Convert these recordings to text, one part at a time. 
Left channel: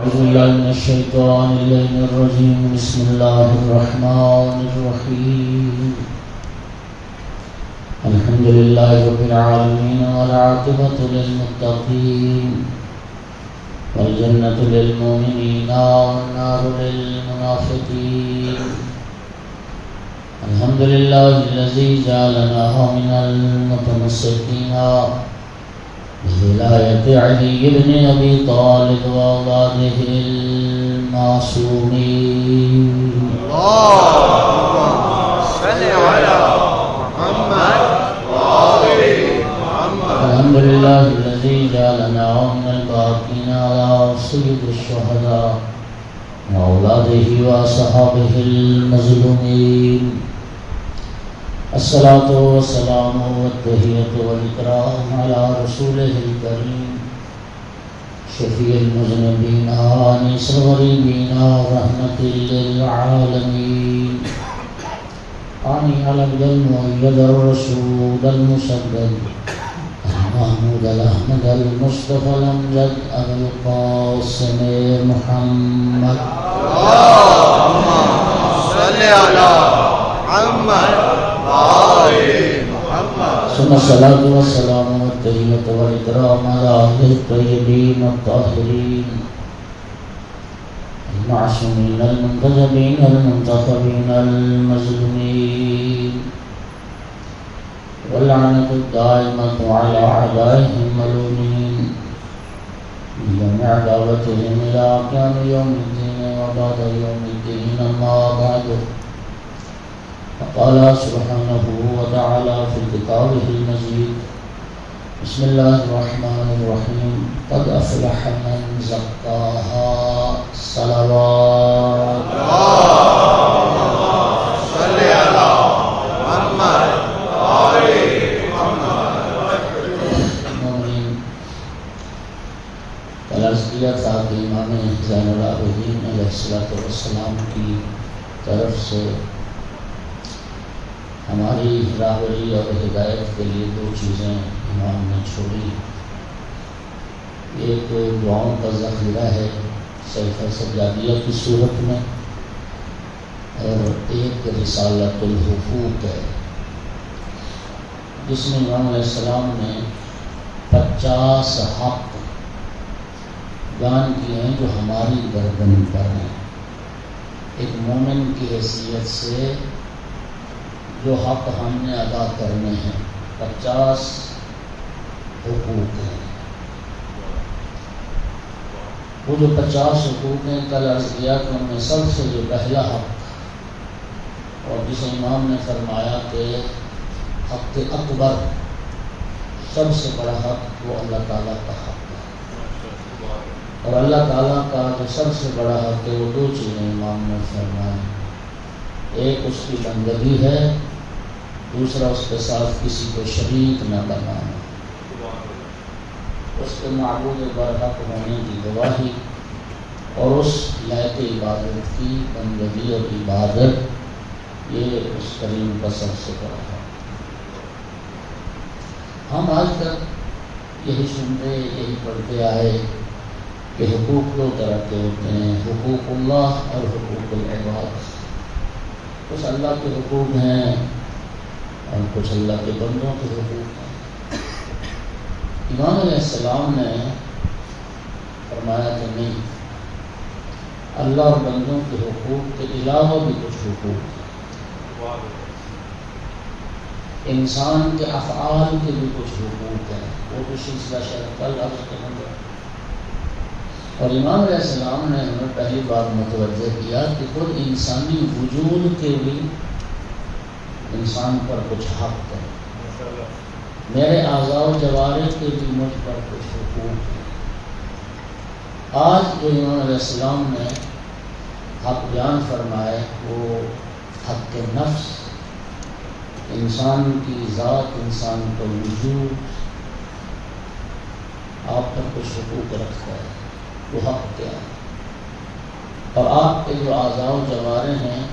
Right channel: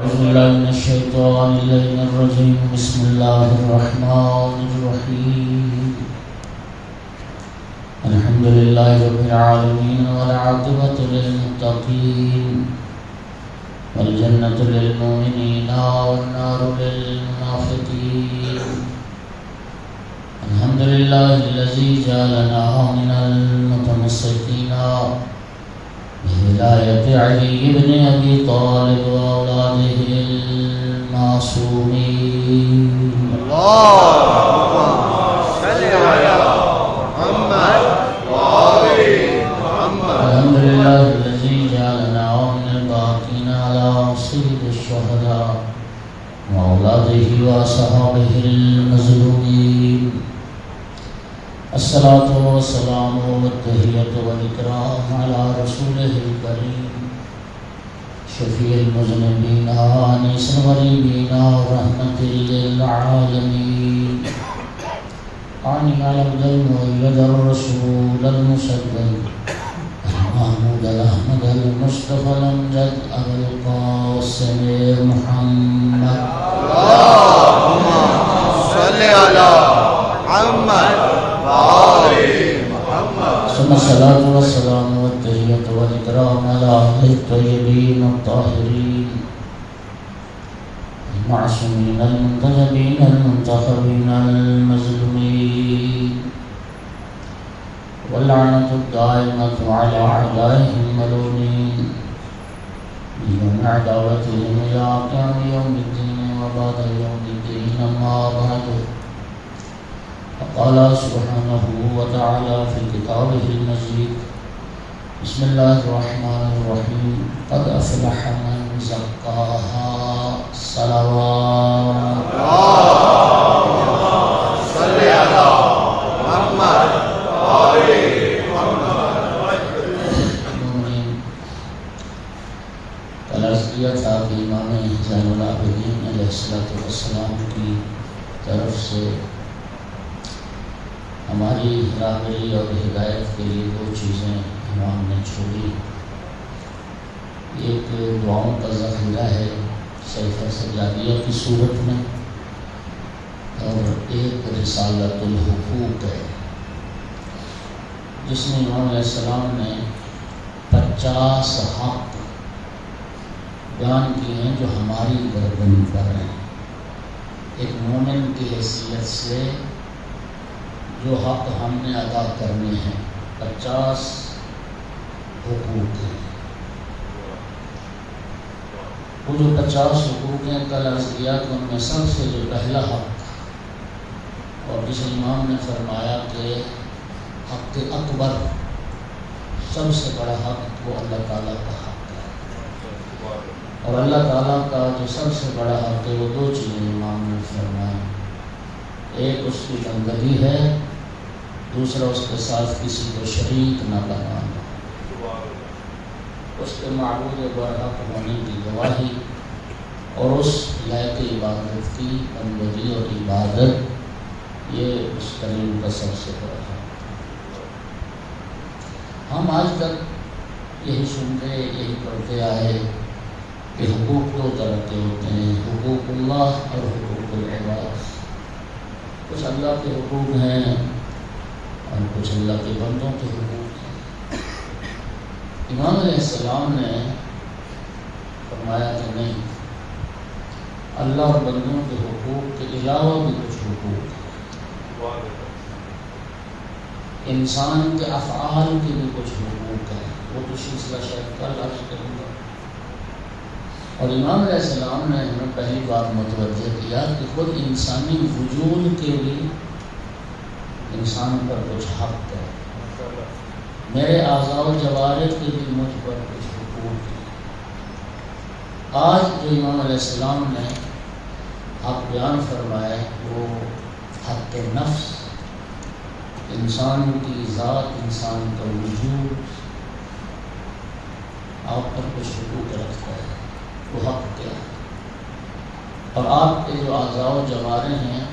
أعوذ بالله من الشيطان الرجيم. بسم الله الرحمن الرحيم. الحمد لله رب العالمين والعاقبة للمتقين والجنة للمؤمنين والنار للمنافقين. الحمد لله الذي جعلنا من المتمسكين بهداية علي بن أبي طالب وأولاده المعصومين. اللهم صل على محمد وآل محمد. الحمد لله الذي جعلنا من الباقين على سيد الشهداء وأولاده وأصحابه المظلومين. الصلاة والسلام والتحية والإكرام على رسوله الكريم شفيع المذنبين وأنيس الغريبين رحمة للعالمين. عني على المؤيد الرسول المسدد محمود أحمد المصطفى الأمجد أبو القاسم محمد. اللهم صل على محمد وآل محمد. ثم الصلاة والسلام والتحية والإكرام على أهل الطيبين الطاهرين المعصومين المنتجبين المنتخبين المظلومين، واللعنة الدائمة على أعدائهم الملعونين بجميع دعوتهم إلى قيام يوم الدين وبعد يوم الدين. أما بعد، قال سبحانه وتعالى في كتابه المجيد: بسم الله الرحمن الرحيم. قد أفلح من زكاها. صلوات. اللهم صل على محمد وآل محمد. الازکیہ صاحب امام زین العابدین علیہ السلام کی طرف سے ہماری راہبری اور ہدایت کے لیے دو چیزیں امام نے چھوڑی. ایک دعاؤں کا ذخیرہ ہے سلسلہ سجادیہ کی صورت میں، اور ایک رسالۃ الحقوق ہے جس میں امام علیہ السلام نے 50 حق بیان کیے ہیں جو ہماری گردن پر ہیں. ایک مومن کی حیثیت سے جو حق ہم نے ادا کرنے ہیں 50 حقوق ہیں. وہ جو 50 حقوق ہیں کل عرض کیا کہ ان میں سب سے جو پہلا حق، اور جسے امام نے فرمایا کہ حق اکبر، سب سے بڑا حق وہ اللہ تعالیٰ کا حق ہے. اور اللہ تعالیٰ کا جو سب سے بڑا حق ہے وہ دو چیزیں امام نے فرمائی. ایک اس کی بندگی ہے، دوسرا اس کے ساتھ کسی کو شریک نہ بنانا، اس کے معبود برحق ہونے کی گواہی، اور اس لائق عبادت کی بندگی اور عبادت، یہ اس کریم کا سب سے بڑا ہے. ہم آج تک یہی سنتے یہی پڑھتے آئے کہ حقوق دو طرح کے ہوتے ہیں، حقوق اللہ اور حقوق العباد. کچھ اللہ کے حقوق ہیں اور کچھ اللہ کے بندوں کے حقوق ہیں. امام علیہ السلام نے فرمایا کہ نہیں، اللہ اور بندوں کے حقوق کے علاوہ بھی کچھ حقوق ہیں. انسان کے افعال کے بھی کچھ حقوق ہیں. وہ کچھ سلسلہ شاید کل عرض کروں گا. اور امام علیہ السلام نے ہمیں پہلی بار متوجہ کیا کہ خود انسانی وجود کے بھی انسان پر کچھ حق ہے. میرے اعضاء و جوارح کے بھی مجھ پر کچھ حقوق ہیں. آج جو امام علیہ السلام نے حق بیان فرمائے وہ حق نفس، انسان کی ذات، انسان کا وجود آپ پر کچھ حقوق رکھتا ہے. وہ حق کیا ہے؟ اور آپ کے جو اعضاء و جوارح ہیں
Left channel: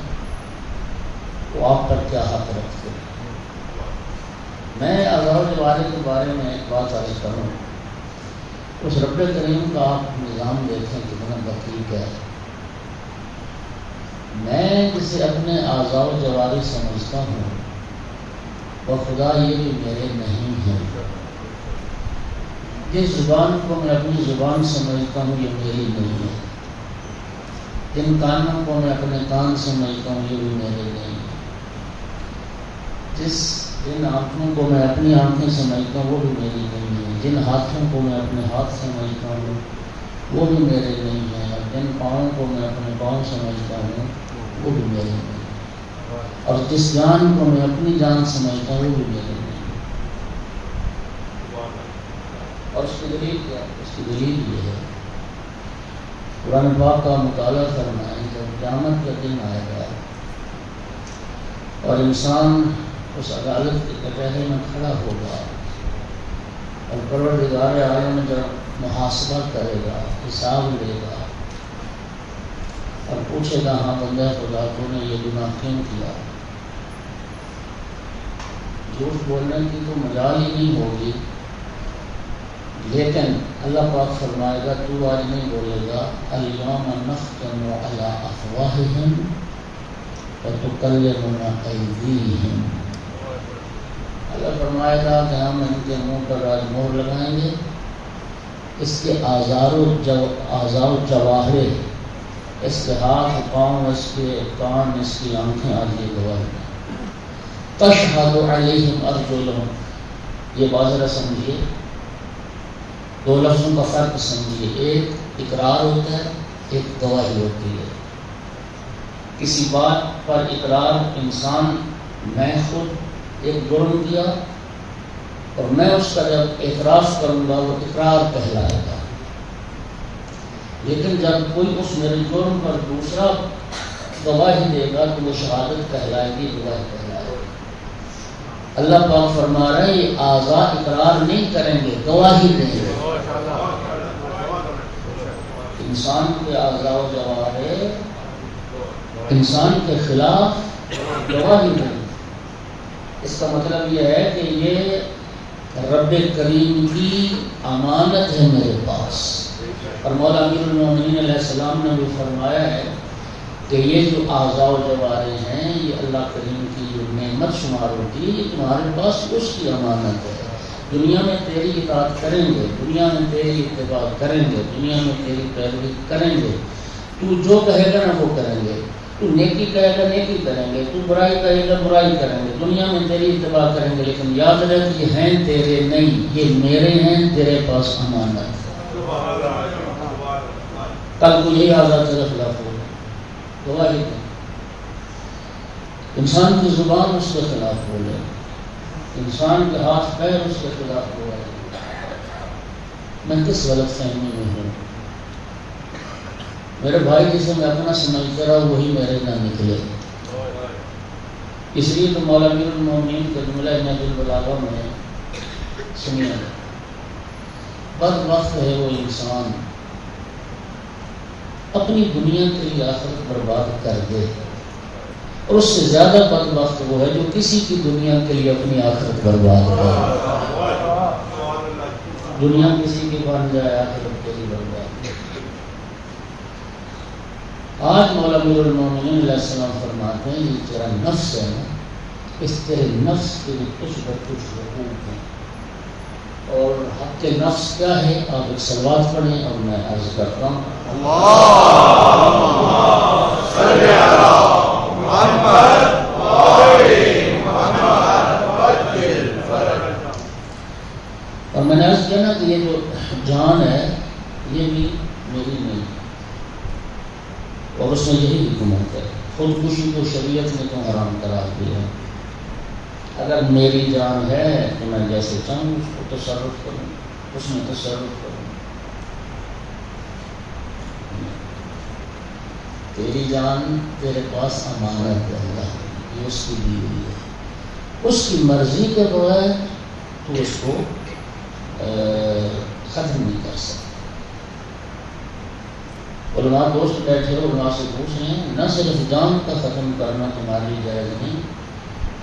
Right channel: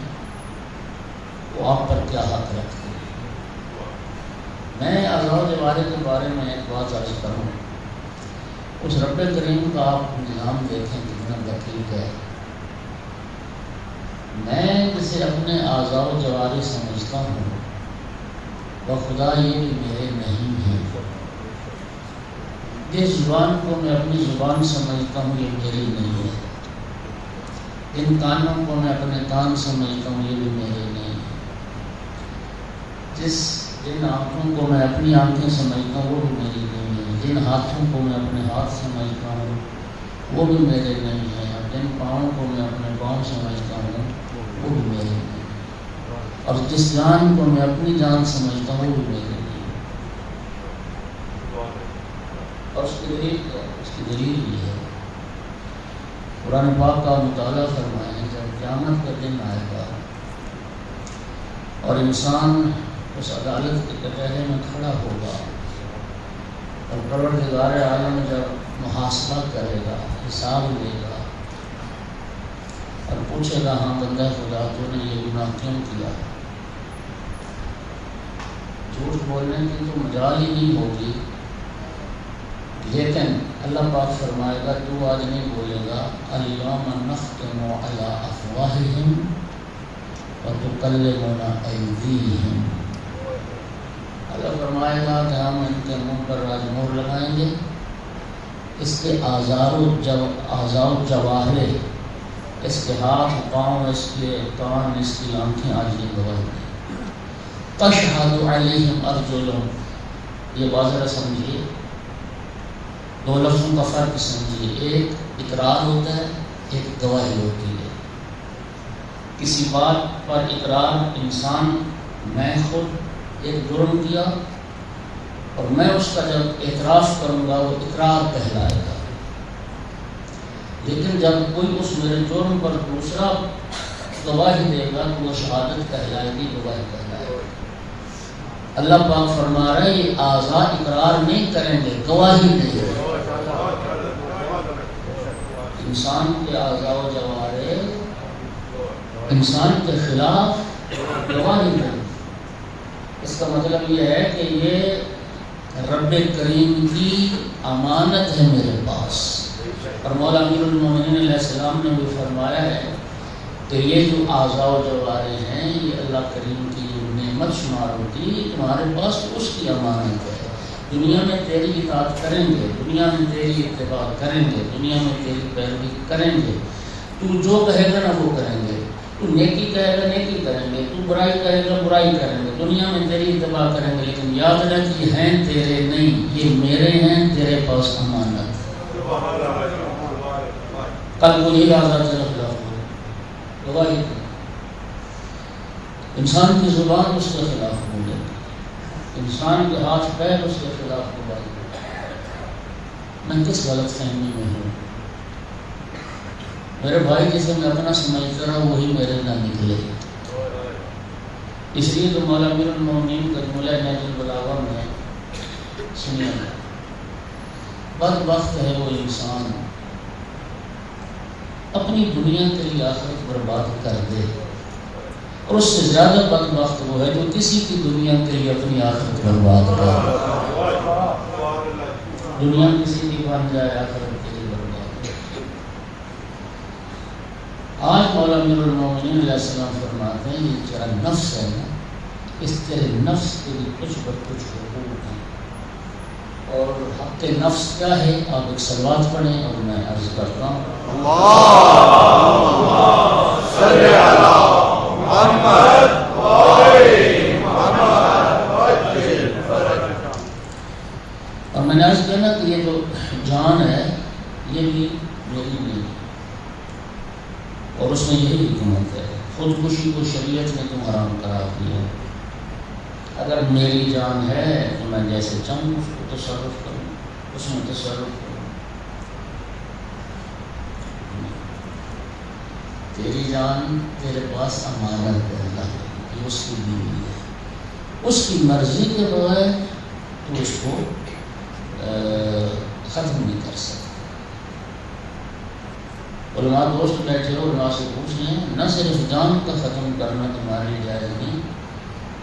وہ آپ پر کیا حق رکھتے ہیں؟ میں اعضاء و جوارح کے بارے میں ایک بات عرض کروں. اس رب کریم کا آپ نظام دیکھیں کتنا اسے اپنے اعضاء و جوارح سمجھتا ہوں وہ خدا یہ بھی میرے نہیں ہے. جس زبان کو میں اپنی زبان سمجھتا ہوں یہ میری نہیں ہے. جن کانوں کو میں اپنے کان سمجھتا ہوں یہ بھی میرے نہیں ہے. جن آنکھوں کو میں اپنی آنکھیں سمجھتا ہوں وہ بھی میری نہیں ہے. جن ہاتھوں کو میں اپنے ہاتھ سمجھتا ہوں وہ بھی میرے نہیں ہے. اور جن پاؤں کو میں اپنے پاؤں سمجھتا ہوں وہ بھی میرے نہیں ہے. اور جس جان کو میں اپنی جان سمجھتا ہوں وہ بھی میرے نہیں ہے. اور اس کی دلیل کیا ہے؟ اس کی دلیل یہ ہے قرآن پاک کا مطالعہ فرمائیں جب قیامت کا دن آئے گا اور انسان اس عدالت کے کٹہرے میں کھڑا ہوگا اور پروردگار عالم جب محاسبہ کرے گا، حساب لے گا اور پوچھے گا ہاں بندہ خدا تو نے یہ گناہ کیوں کیا؟ جھوٹ بولنے کی تو مجال ہی نہیں ہوگی. لیکن اللہ پاک فرمائے گا تو آج نہیں بولے گا الیوم نختم علی افواہہم وتکلمنا ایدیہم. اللہ فرمائے گا کہ ہم ان کے منہ پر آج مہر لگائیں گے. اس کے اعضاء و جواہر، اس کے ہاتھ پاؤں، اس کے کان، اس کی آنکھیں آج یہ گواہ ہیں. تشہد علیہم ارجلہم. یہ واضح سمجھیے، دو لفظوں کا فرق سمجھیے. ایک اقرار ہوتا ہے، ایک گواہی ہوتی ہے. کسی بات پر اقرار انسان، میں خود ایک جرم کیا اور میں اس کا جب اعتراف کروں گا وہ اقرار کہلائے گا. لیکن جب کوئی اس میرے جرم پر دوسرا گواہی دے گا تو وہ شہادت کہلائے گی، گواہی کہلائے گی. اللہ پاک فرما رہے ہیں یہ اعضاء اقرار نہیں کریں گے، گواہی دیں گے. انسان کے اعضاء و جوارح انسان کے خلاف گواہی دیں. اس کا مطلب یہ ہے کہ یہ رب کریم کی امانت ہے میرے پاس. اور مولا امیر المومنین علیہ السلام نے بھی فرمایا ہے کہ یہ جو اعضاء و جوارح ہیں یہ اللہ کریم کی جو نعمت شمار ہوتی ہے تمہارے پاس اس کی امانت ہے. دنیا میں تیری اطاعت کریں گے، دنیا میں تیری اتباع کریں گے، دنیا میں تیری پیروی کریں گے. تو جو کہے گا نا وہ کریں گے. تو نیکی کہے گا نیکی کریں گے، تو برائی کہے گا برائی کریں گے. دنیا میں تیری اتباع کریں گے لیکن یاد رکھ یہ ہیں تیرے نہیں، یہ میرے ہیں، تیرے پاس امانت. کل کو یہی آزاد کے خلاف ہو انسان کی زبان اس کے خلاف بولے، انسان کے ہاتھ پیر اس کے خلاف بولے. میں کس غلط فہمی میں ہوں؟ میرے بھائی جسے میں اپنا سمجھتا رہا وہی میرے نہ نکلے. اس لیے تو مولا امیر المومنین کے جملہ نہج البلاغہ میں سنیا بدبخت ہے وہ انسان اپنی دنیا کے لیے آخرت برباد کر دے، اور اس سے زیادہ بدبخت وہ ہے جو کسی کی دنیا کے لیے اپنی آخرت برباد کرے. دنیا کسی کی بن جائے، آخرت کے لیے بن جائے. آج مولا امیر المومنین علیہ السلام فرماتے ہیں یہ تیرا نفس ہے نا، اس تیرے نفس کے لیے کچھ نہ کچھ حقوق ہیں. اور حق نفس کیا ہے؟ آپ ایک صلوات پڑھیں اور میں عرض کرتا ہوں. اللہم صلی علی محمد وآل محمد وعجل فرجہ. اور میں نے عرض کیا نا کہ یہ جو جان ہے یہ بھی میری نہیں، اور اس میں یہی حکمت ہے. خودکشی کو شریعت نے تو حرام قرار دیا. اگر میری جان ہے تو میں جیسے چاہوں اس کو تصرف کروں، اس میں تصرف کروں. تیری جان تیرے پاس امانت ہے، اللہ یہ اس کی دی ہوئی ہے. اس کی مرضی کے بغیر تو اس کو ختم نہیں کر سکتا. علماء دوست بیٹھے علماء سے پوچھ رہے ہیں نہ صرف جان کا ختم کرنا تمہاری جائز نہیں،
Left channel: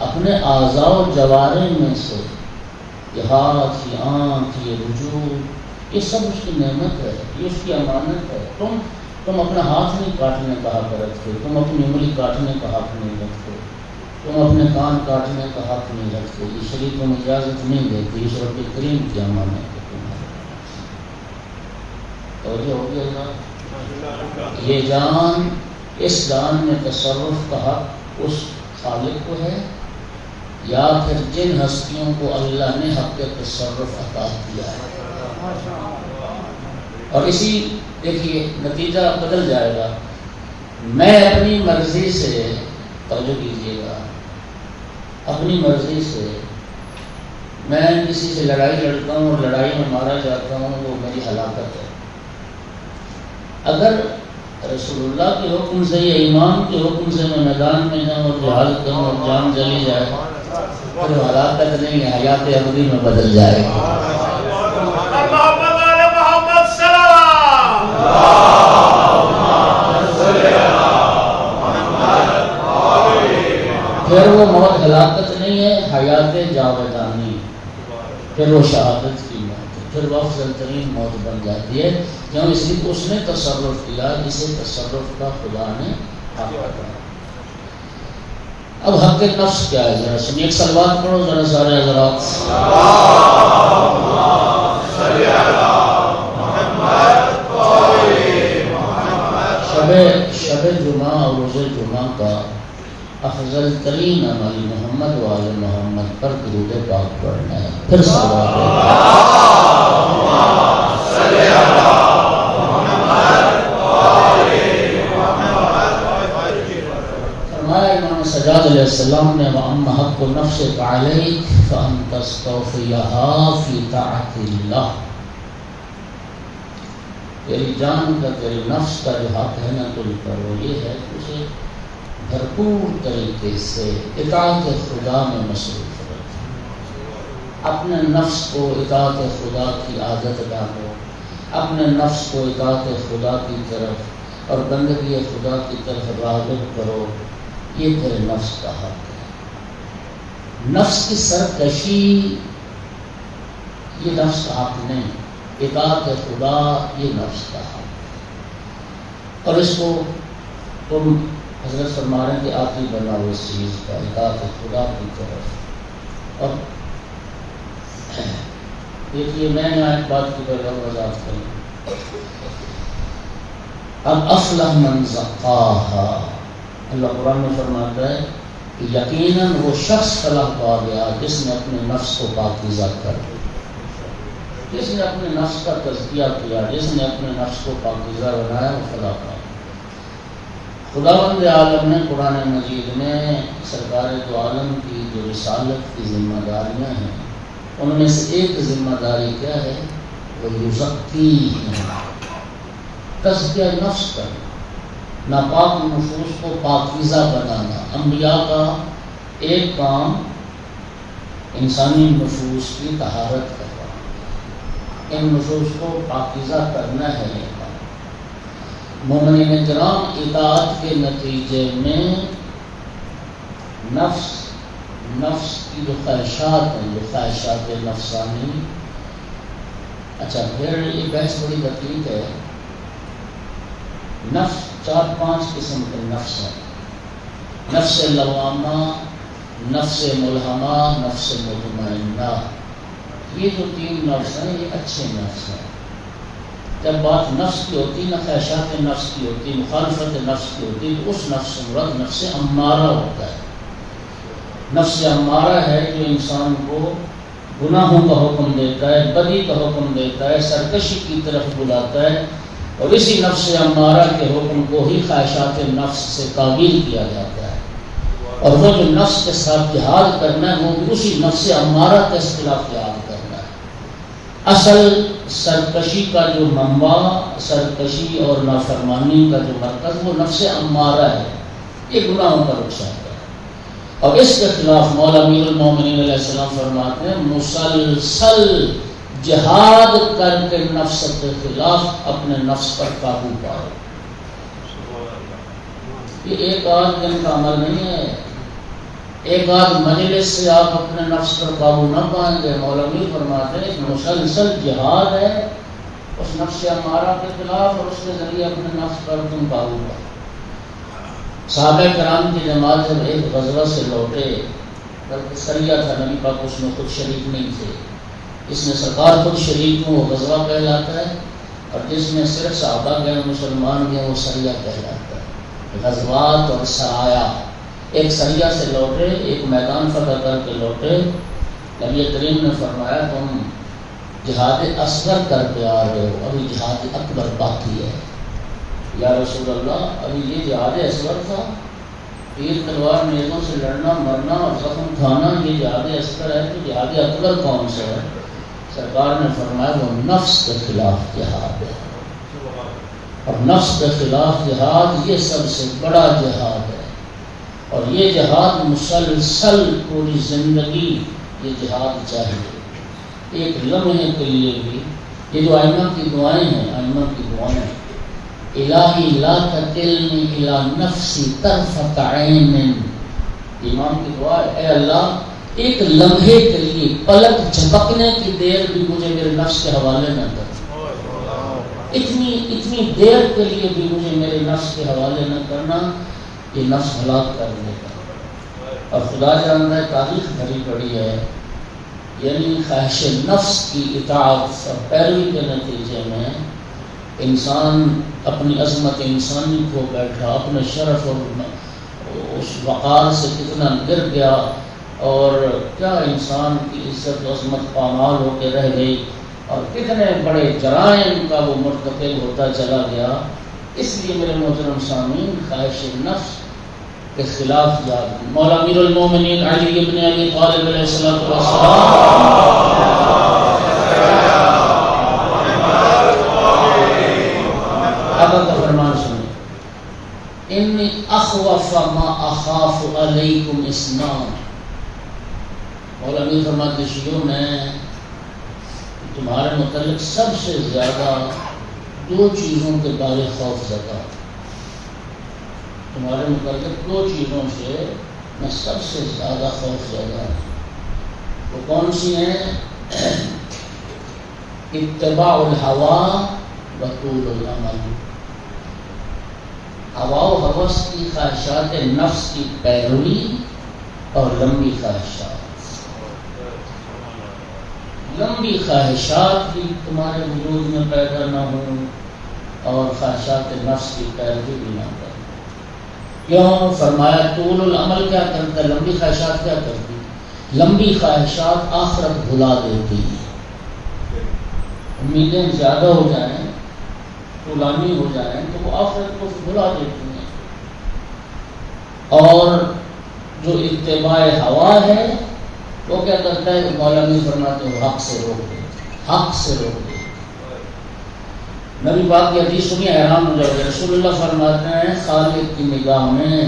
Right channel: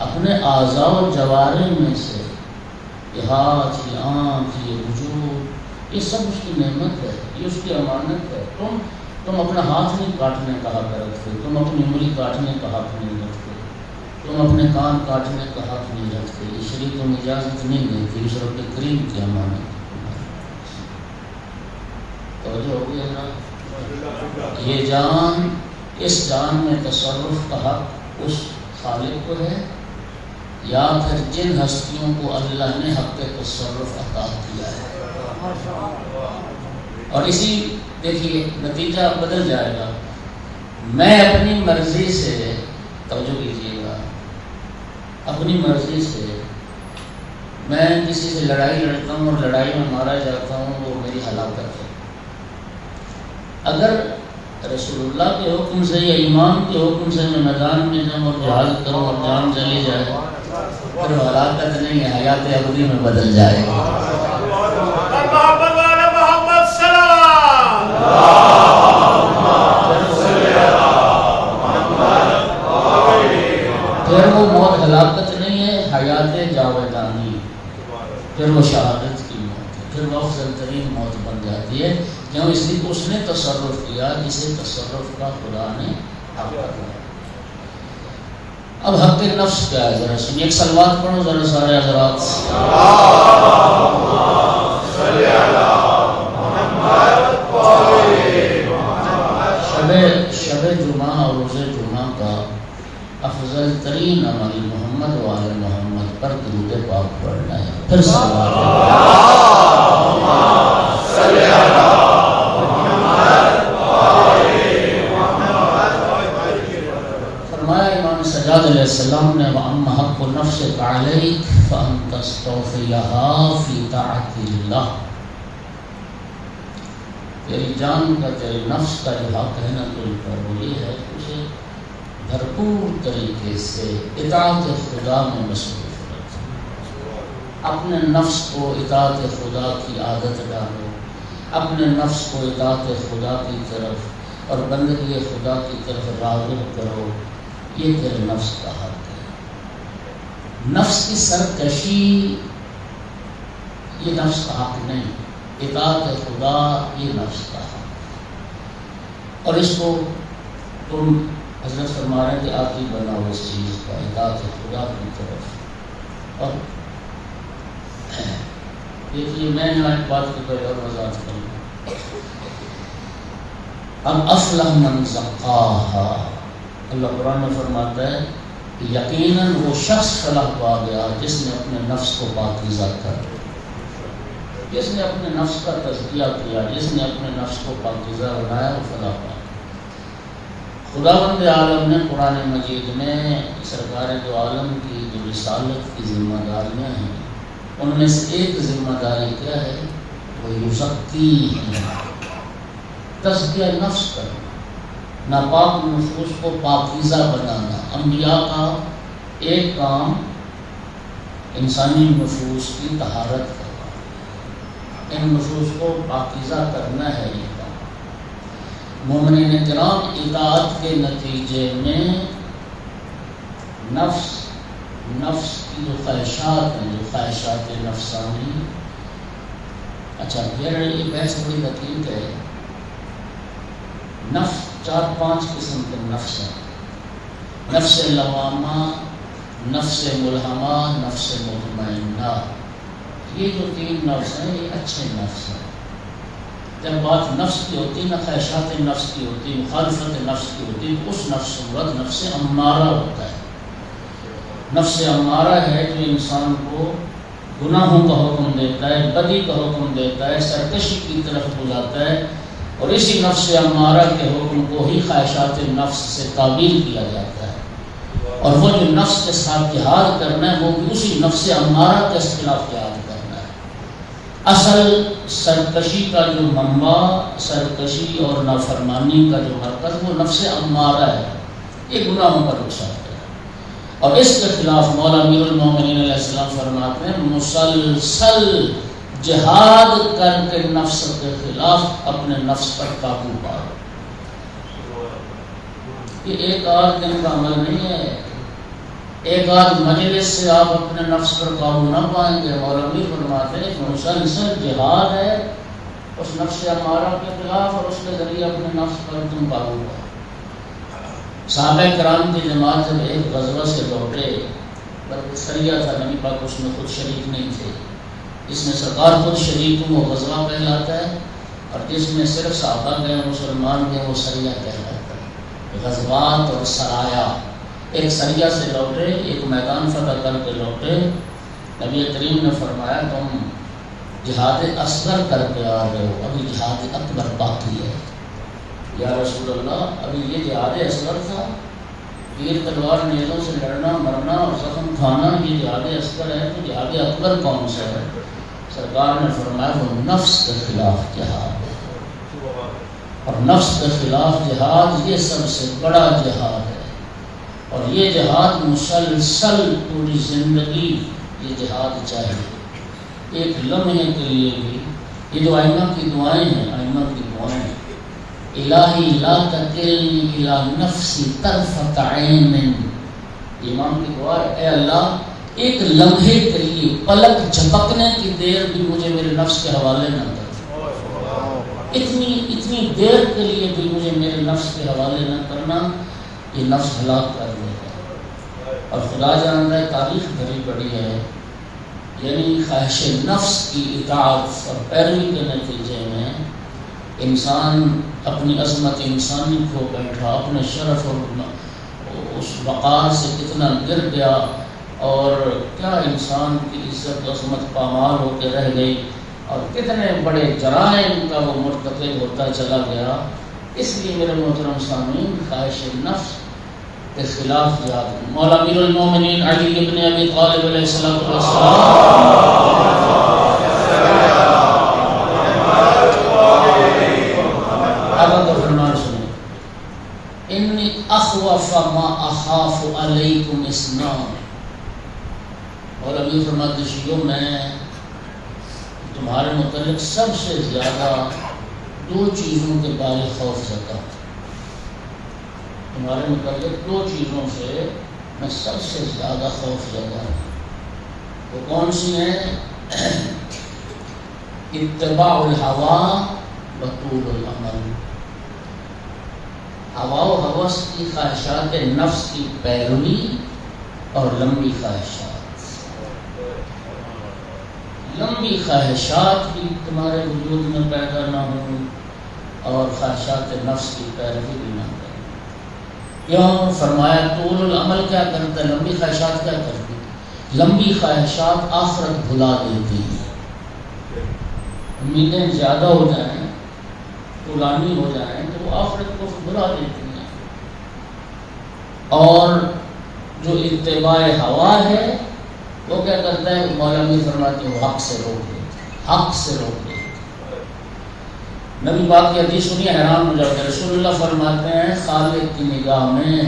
اپنے اعضاء و جوارح میں سے یہ ہاتھ، یہ آنکھ، یہ وجود، یہ سب اس کی نعمت ہے، یہ اس کی امانت ہے. تم تم اپنا ہاتھ نہیں کاٹنے کا حق رکھتے، تم اپنی انگلی کاٹنے کا حق نہیں رکھتے، تم اپنے کان کاٹنے کا حق نہیں رکھتے، یہ شریعت تمہیں اجازت نہیں دیتی، اس رب کریم کی امانت ہے۔ یہ جان، اس جان میں تصرف کا حق اس خالق کو ہے یا پھر جن ہستیوں کو اللہ نے حق تصرف عطا کیا ہے۔ اور اسی دیکھیے نتیجہ بدل جائے گا۔ میں اپنی مرضی سے، توجہ کیجیے گا، اپنی مرضی سے میں کسی سے لڑائی لڑتا ہوں اور لڑائی میں مارا جاتا ہوں، وہ میری ہلاکت ہے۔ اگر رسول اللہ کے حکم سے یا امام کے حکم سے میں میدان میں جاؤں اور جہاد کروں اور جان چلی جائے، پھر ہلاکت نہیں ہے، حیات ابدی میں بدل جائے گا۔ پھر وہ موت ہلاکت نہیں ہے، حیات جاویدانی، پھر وہ شہادت کی موت ہے، پھر وہ افضل ترین موت بن جاتی ہے، کیوں؟ اس لیے اس نے تصرف کیا جسے تصرف کا خدا نے عطا کیا۔ اب حق نفس کیا ہے؟ ذرا سنیے، ایک صلوات پڑھو ذرا سارے حضرات۔ شب جمعہ اور روز جمعہ کا افضل ترین عمل محمد و آل محمد پر درود پاک پڑھنا ہے۔ پھر فرمایا امام سجاد علیہ السلام نے، وَأَمَّا حَقُّ نَفْسِكَ عَلَيْكَ فَأَن تَسْتَوْفِيَهَا فِي طَاعَةِ اللَّهِ۔ تیری جان کا، تیرے نفس کا جو حق ہے نا تجھ پر، وہ یہ ہے کہ اسے بھرپور طریقے سے اطاعت خدا میں مصروف رکھو۔ اپنے نفس کو اطاعت خدا کی عادت ڈالو، اپنے نفس کو اطاعت خدا کی طرف اور بندگی خدا کی طرف راغب کرو، یہ تیرے نفس کا حق ہے۔ نفس کی سرکشی یہ نفس کا حق نہیں، اطاعت خدا یہ نفس کا حق۔ اور اس کو تم حضرت فرما رہے ہیں کہ آتی بناؤ اس چیز کا، اطاعت خدا کی طرف۔ اور دیکھیے میں ایک بات کی طرح وضاحت کروں، اب افلح من زکاہا، اللہ قرآن میں فرماتا ہے کہ یقیناً وہ شخص فلاح پا گیا جس نے اپنے نفس کو پاکیزہ کر، جس نے اپنے نفس کا تزکیہ کیا، جس نے اپنے نفس کو پاکیزہ بنایا، وہ فلاح پا۔ خداوند عالم نے قرآن مجید میں سرکار دو عالم کی جو رسالت کی ذمہ داریاں ہیں، ان میں سے ایک ذمہ داری کیا ہے؟ وہ یزکی ہے، تزکیہ نفس کرنا، ناپاک نفوس کو پاکیزہ بنانا۔ انبیاء کا ایک کام انسانی نفوس کی طہارت کرنا، ان نفوس کو پاکیزہ کرنا ہے۔ مومنین کرام اطاعت کے نتیجے میں نفس کی جو خواہشات ہیں، جو خواہشات نفسانی، اچھا پھر یہ بحث بڑی دقیق ہے۔ نفس 4-5 قسم کے نفس ہیں، نفس لوامہ، نفس ملہمہ، نفس مطمئنہ۔ یہ جو 3 نفس ہیں یہ اچھے نفس ہیں۔ جب بات نفس کی ہوتی ہے، خواہشات نفس کی ہوتی ہے، مخالفت نفس کی ہوتی ہے، اس نفس سے مراد نفس امارہ ہوتا ہے۔ نفس امارہ ہے جو انسان کو گناہوں کا حکم دیتا ہے، بدی کا حکم دیتا ہے، سرکشی کی طرف بلاتا ہے، اور اسی نفس امارہ کے حکم کو ہی خواہشات نفس سے تعبیر کیا جاتا ہے۔ اور وہ جو نفس کے ساتھ جہاد کرنا ہے وہ بھی اسی نفس امارہ کے خلاف جہاد کرنا ہے۔ اصل سرکشی کا جو منبع، سرکشی اور نافرمانی کا جو مرکز، وہ نفس امارہ ہے، یہ گناہوں کا رخصت ہے۔ اور اس کے خلاف مولا امیر المومنین علیہ السلام فرماتے ہیں، مسلسل جہاد کر کے نفس کے خلاف اپنے نفس پر قابو پاؤ۔ یہ ایک آدھ دن کا عمل نہیں ہے، ایک آدھ مجلس سے آپ اپنے نفس پر قابو نہ پائیں گے۔ مولا امیر فرماتے ہیں مسلسل جہاد ہے اس نفس امارہ کے خلاف اور اس کے ذریعے اپنے نفس پر تم قابو پاؤ۔ صحابہ کرام کی جماعت جب ایک غزوہ سے لوٹے، بلکہ سریہ تھا، نبی پاک اس میں خود شریک نہیں تھے، اس میں سرکار خود شریک ہوں، وہ غزوہ کہلاتا ہے، اور جس میں صرف صحابہ گئے مسلمان گئے وہ سریہ کہلاتا ہے۔ غزوات اور سرایا، ایک سریہ سے لوٹے، ایک میدان فتح کر کے لوٹے، نبی کریم نے فرمایا تم جہاد اصغر کر کے آ رہے ہو، ابھی جہاد اکبر باقی ہے۔ یا رسول اللہ، ابھی یہ جہاد اصغر تھا، تیر تلوار نیزوں سے لڑنا مرنا اور زخم کھانا یہ جہاد اصغر ہے، تو جہاد اکبر کون سا ہے؟ سرکار نے فرمایا وہ نفس کے خلاف جہاد ہے، اور نفس کے خلاف جہاد یہ سب سے بڑا جہاد ہے، اور یہ جہاد مسلسل پوری زندگی یہ جہاد چاہیے، ایک لمحے کے لیے بھی۔ یہ جو ائمہ کی دعائیں ہیں، ائمہ کی دعائیں، الہی لا تکلنی الی نفسی طرفۃ عین، امام کی دعا ہے، اے اللہ ایک لمحے کے لیے، پلک جھپکنے کی دیر بھی مجھے میرے نفس کے حوالے نہ کر، اتنی دیر کے لیے بھی مجھے میرے نفس کے حوالے نہ کرنا، یہ نفس ہلاک کر دے گا۔ اور خدا جانتا ہے تاریخ بھری پڑی ہے، یعنی خواہش نفس کی اطاعت اور پیروی کے نتیجے میں انسان اپنی عظمت انسانی کو بیٹھا، اپنے شرف اور اس وقار سے کتنا گر گیا، اور کیا انسان کی عزت و عظمت پامال ہو کے رہ گئی، اور کتنے بڑے جرائم کا وہ مرتکب ہوتا چلا گیا۔ اس لیے میرے محترم سامعین، خواہش نفس کے خلاف یاد۔ مولا امیر المومنین علی ابن ابی طالب علیہ السلام انی اخوف ما اخاف علیکم اثنان، اور ابھی فرماتے شیعوں میں تمہارے متعلق سب سے زیادہ دو چیزوں کے بارے خوف زدہ، تمہارے متعلق دو چیزوں سے میں سب سے زیادہ خوف زدہ ہوں۔ وہ کون سی ہیں؟ اتباع الہوا و طول الامل، ہوا و ہوس کی خواہشات نفس کی پیروی اور لمبی خواہشات۔ لمبی خواہشات بھی تمہارے وجود میں پیدا نہ ہوں اور خواہشات نفس کی پیروی بھی نہ کریں۔ کیوں؟ فرمایا طول العمل کیا کرتا ہے؟ لمبی خواہشات کیا کرتی ہے؟ لمبی خواہشات آخرت بھلا دیتی ہیں۔ امیدیں زیادہ ہو جائیں، پرانی ہو جائیں تو وہ آخرت کو بھلا دیتی ہیں، اور جو اتباع ہوا ہے وہ کیا کرتا ہے؟ مولا بھی فرماتے ہیں حق سے روکے، حق سے روکے۔ نبی پاک کی حدیث سنی، حیران ہو جاتے ہیں۔ رسول اللہ فرماتے ہیں خالق کی نگاہ میں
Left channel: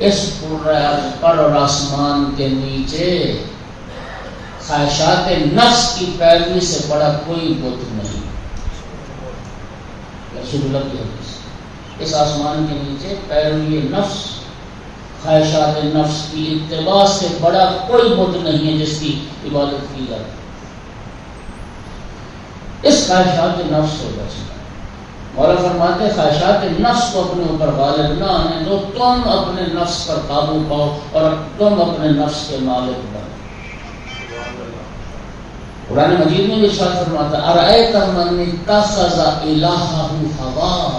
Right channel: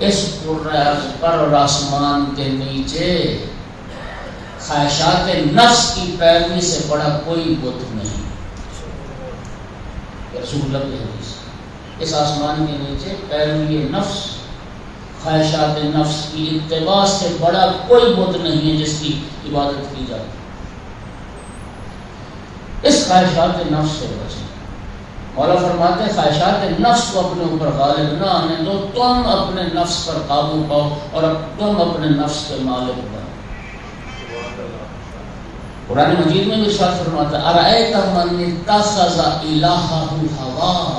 اس پر اور آسمان کے نیچے خواہشات نفس کی پیروی سے بڑا کوئی بت نہیں۔ رسول اللہ کی حدیث، اس آسمان کے نیچے پیروی نفس، خواہشات نفس کی اتباع سے بڑا کوئی بت نہیں ہے جس کی عبادت کی جاتی۔ اس خواہشات نفس سے بچیں۔ مولا فرماتے ہیں خواہشات نفس کو اپنے اوپر غالب نہ آنے دو، تم اپنے نفس پر قابو پاؤ اور تم اپنے نفس کے مالک بنو۔ قرآن مجید میں بھی ارشاد فرماتا ہے ارأیت من اتخذ الہہ ہواہ،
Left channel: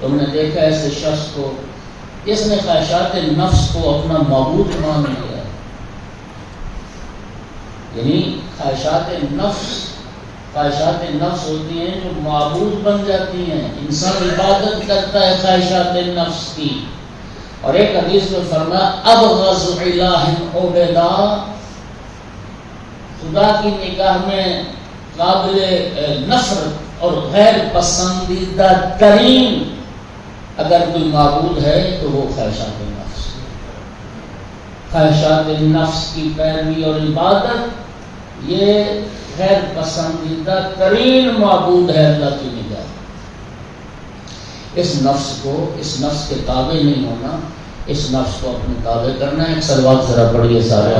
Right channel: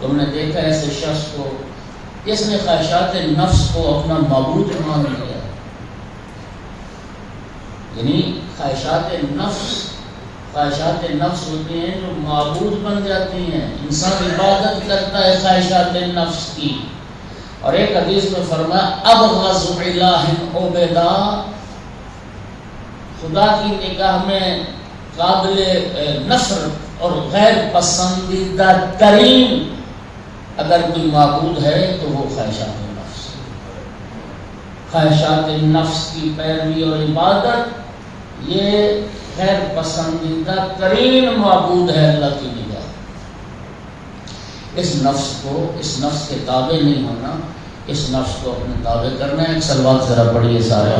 تم نے دیکھا ایسے شخص کو جس نے خواہشات نفس کو اپنا معبود مان لیا۔ یعنی خواہشات نفس ہوتی ہیں جو معبود بن جاتی ہیں، انسان عبادت کرتا ہے خواہشات نفس کی۔ اور ایک حدیث میں فرمایا ابغض الہ عبیدہ، خدا کی نگاہ میں قابل نفرت اور غیر پسندیدہ ترین اگر کوئی معبود ہے تو وہ خواہشات نفس، خواہشات نفس کی پیروی اور عبادت یہ غیر پسندیدہ ترین معبود ہے اللہ کی نگاہ۔ اس نفس کے تابع نہیں ہونا، اس نفس کو اپنے تابع کرنا ہے۔ صلوات ذرا پڑھیے سارے۔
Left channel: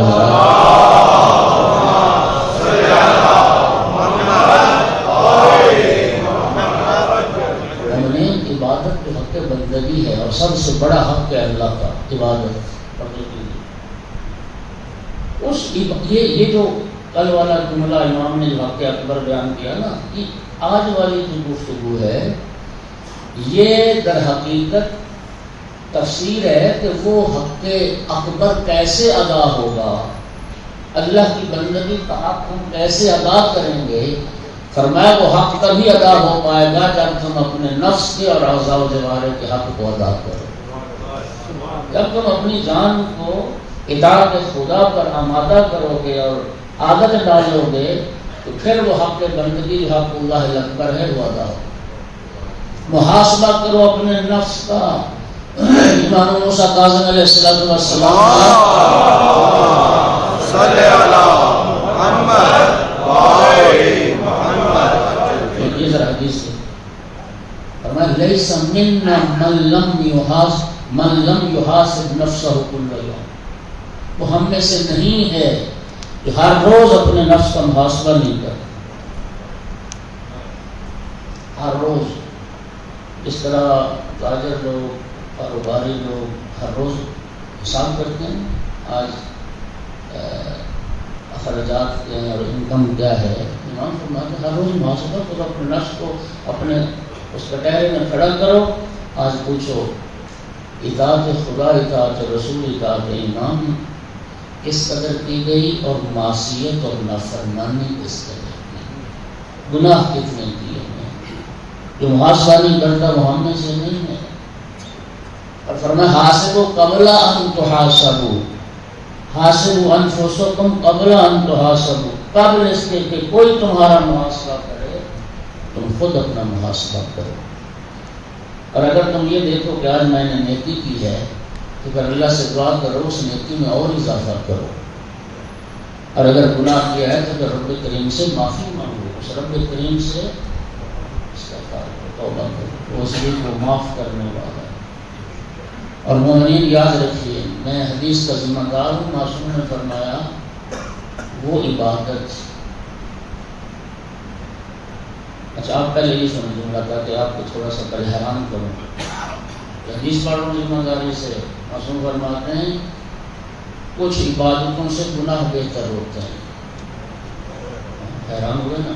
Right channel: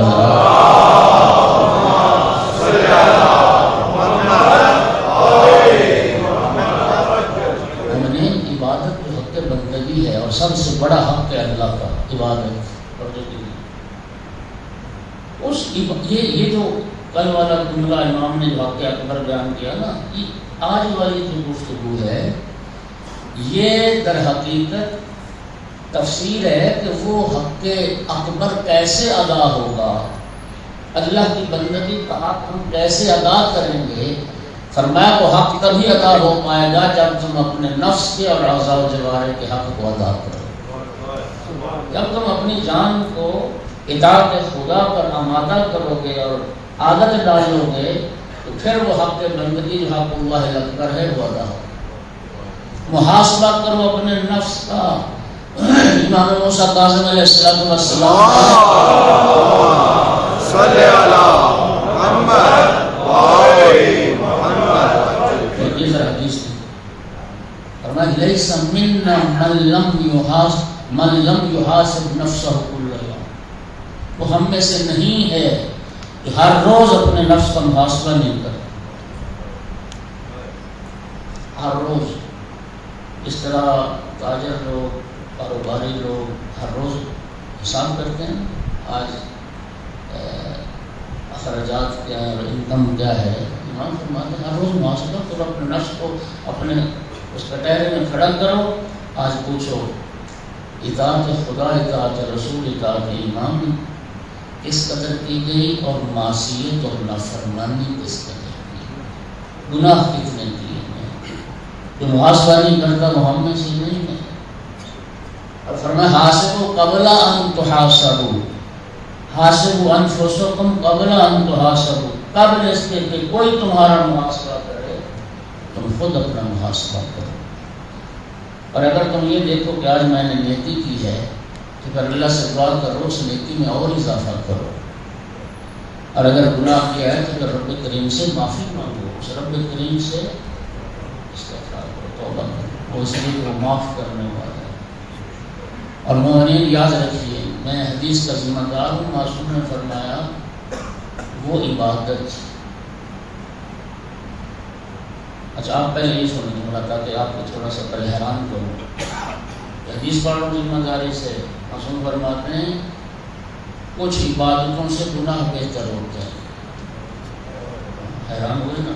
عبادت تو حق بندگی ہے، اور سب سے بڑا حق ہے اللہ کا عبادت کرنے کے لیے۔ یہ جو کل والا جملہ امام نے واقعہ اکبر بیان کیا نا، یہ آج والی جو گفتگو ہے یہ در حقیقت تفسیر ہے کہ وہ حق اکبر کیسے ادا ہوگا، اللہ کی بندگی کا حق ہم کیسے ادا کریں گے۔ فرمایا وہ حق تبھی ادا ہو پائے گا جب تم اپنے نفس کے اور اعضاء و جوارح کے حق کو ادا کرو۔ جب تم اپنی جان کو اطاعت خدا پر آمادہ کرو گے اور عادت ڈالو گے تو پھر وہ حق بندگی حق اللہ اکبر ہے وہ ادا ہو۔ محاسبہ کرو اپنے نفس کا۔ امام موسیٰ کاظم علیہ السلام صلی علی محمد وآل محمد۔ یہ ذرا حدیث ہے، فرمایا لیس منا من لم یحاسب نفسہ کل یوم، وہ ہم میں سے نہیں ہے کہ ہر روز اپنے نفس کا محاسبہ نہیں کرتا۔ ہر روز اس طرح تاجر لوگ کاروباری لوگ ہر روز حساب کرتے ہیں، آج اخراجات کیا ہے اور انکم کیا ہے۔ امام فرماتے ہیں ہر روز محاسبہ کرو اپنے نفس کو، اپنے اس کٹہرے میں کھڑا کرو، آج پوچھو اطاعت خدا، اطاعت رسول، اطاعت امام کس قدر کی گئی اور معصیت اور نافرمانی کس قدر کی، گناہ کتنے کیے گئے۔ جو محاسبہ نہیں کرتا وہ ہم میں سے نہیں ہے۔ اور فرمایا حاسبوا قبل ان تحاسبوا، حاسبوا انفسکم قبل ان تحاسبوا، قبل اس کے کہ کوئی تمہارا محاسبہ کرے تم خود اپنا محاسبہ کرو۔ اور اگر تم یہ دیکھو کہ آج میں نے نیکی کی ہے تو پھر اللہ سے دعا کرو اس نیکی میں اور اضافہ کرو، اور اگر گناہ کیا ہے تو رب کریم سے معافی مانگو، اس رب کریم سے استغفار کرو، توبہ کرو، وہ سبھی کو معاف کرنے والا ہے۔ اور مومنین یاد رکھیے میں حدیث کا ذمہ دار ہوں، معصوم نے فرمایا وہ عبادت، اچھا آپ پہلے یہ سمجھوں گا تاکہ آپ کو تھوڑا سا پریشان کروں، حدیث پڑھوں ذمہ داری سے۔ معصوم فرماتے ہیں کچھ عبادتوں سے گناہ بہتر ہوتے ہیں۔ حیران ہوئے نا،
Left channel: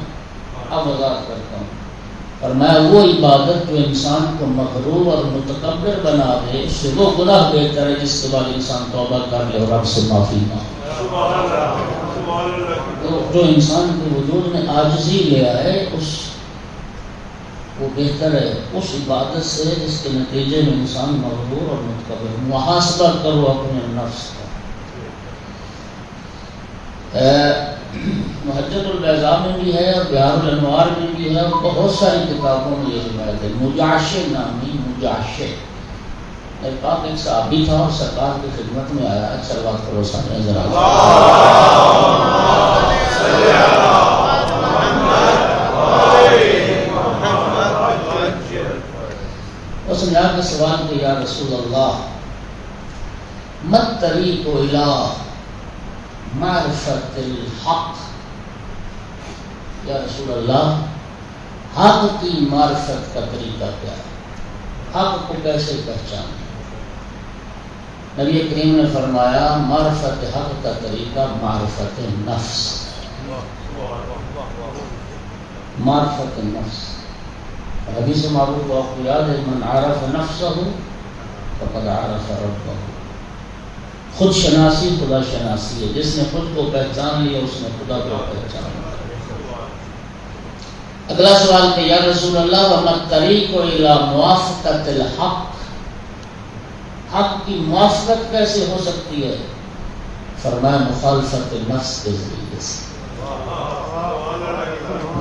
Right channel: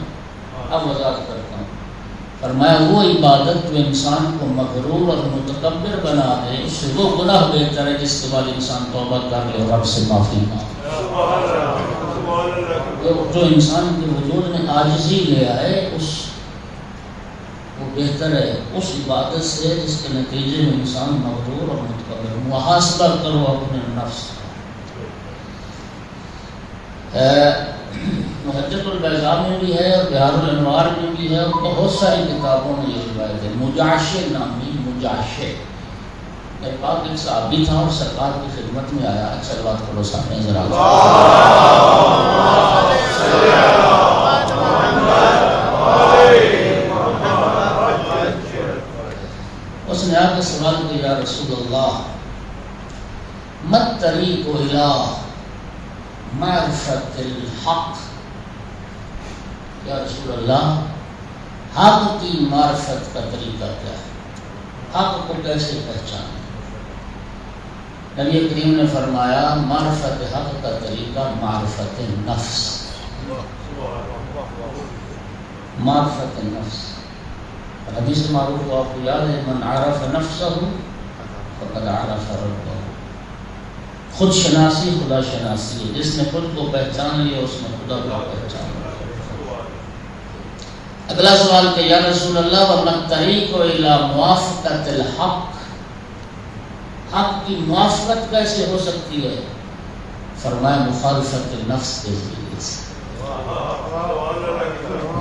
اب وضاحت کرتا ہوں۔ فرمایا وہ عبادت جو انسان کو مغرور اور متکبر بنا دے اس سے وہ گناہ بہتر ہے جس کے بعد انسان توبہ کر لے اور رب سے معافی مانگے۔ جو انسان کے وجود میں عاجزی لیا ہے اس وہ بہتر ہے اس عبادت سے جس کے نتیجے میں انسان مغرور اور متکبر۔ محاسبہ کرو اپنے نفس کا۔ محجت البیضاء میں بھی ہے اور بہار الانوار میں بھی ہے اور بہت ساری کتابوں میں یہ روایت ہے۔ مجاشع نامی مجاشع، میرے پاس ایک صحابی تھا اور سرکار کی خدمت میں آیا، اچھا بات کرو سامنے ذرا، اس نے آ کے سوال کیا یا رسول اللہ مت طریق الی معرفت الحق، یا رسول اللہ حق کی معرفت کا طریقہ کیا ہے، حق کو کیسے پہچانے؟ نبی کریم نے فرمایا معرفت حق کا طریقہ معرفت نفس، معرفت نفس۔ حدیث معروف کو آپ کو یاد ہے من عرف نفسہ فقد عرف ربہ، خود شناسی خدا شناسی ہے، جس نے خود کو پہچان لیا اس نے خدا کو پہچان لیا۔ اگلا سوال کہ یا رسول اللہ وما الطریق الی موافقت الحق، حق کی موافقت کیسے ہو سکتی ہے؟ فرمایا مخالفت نفس کے ذریعے سے،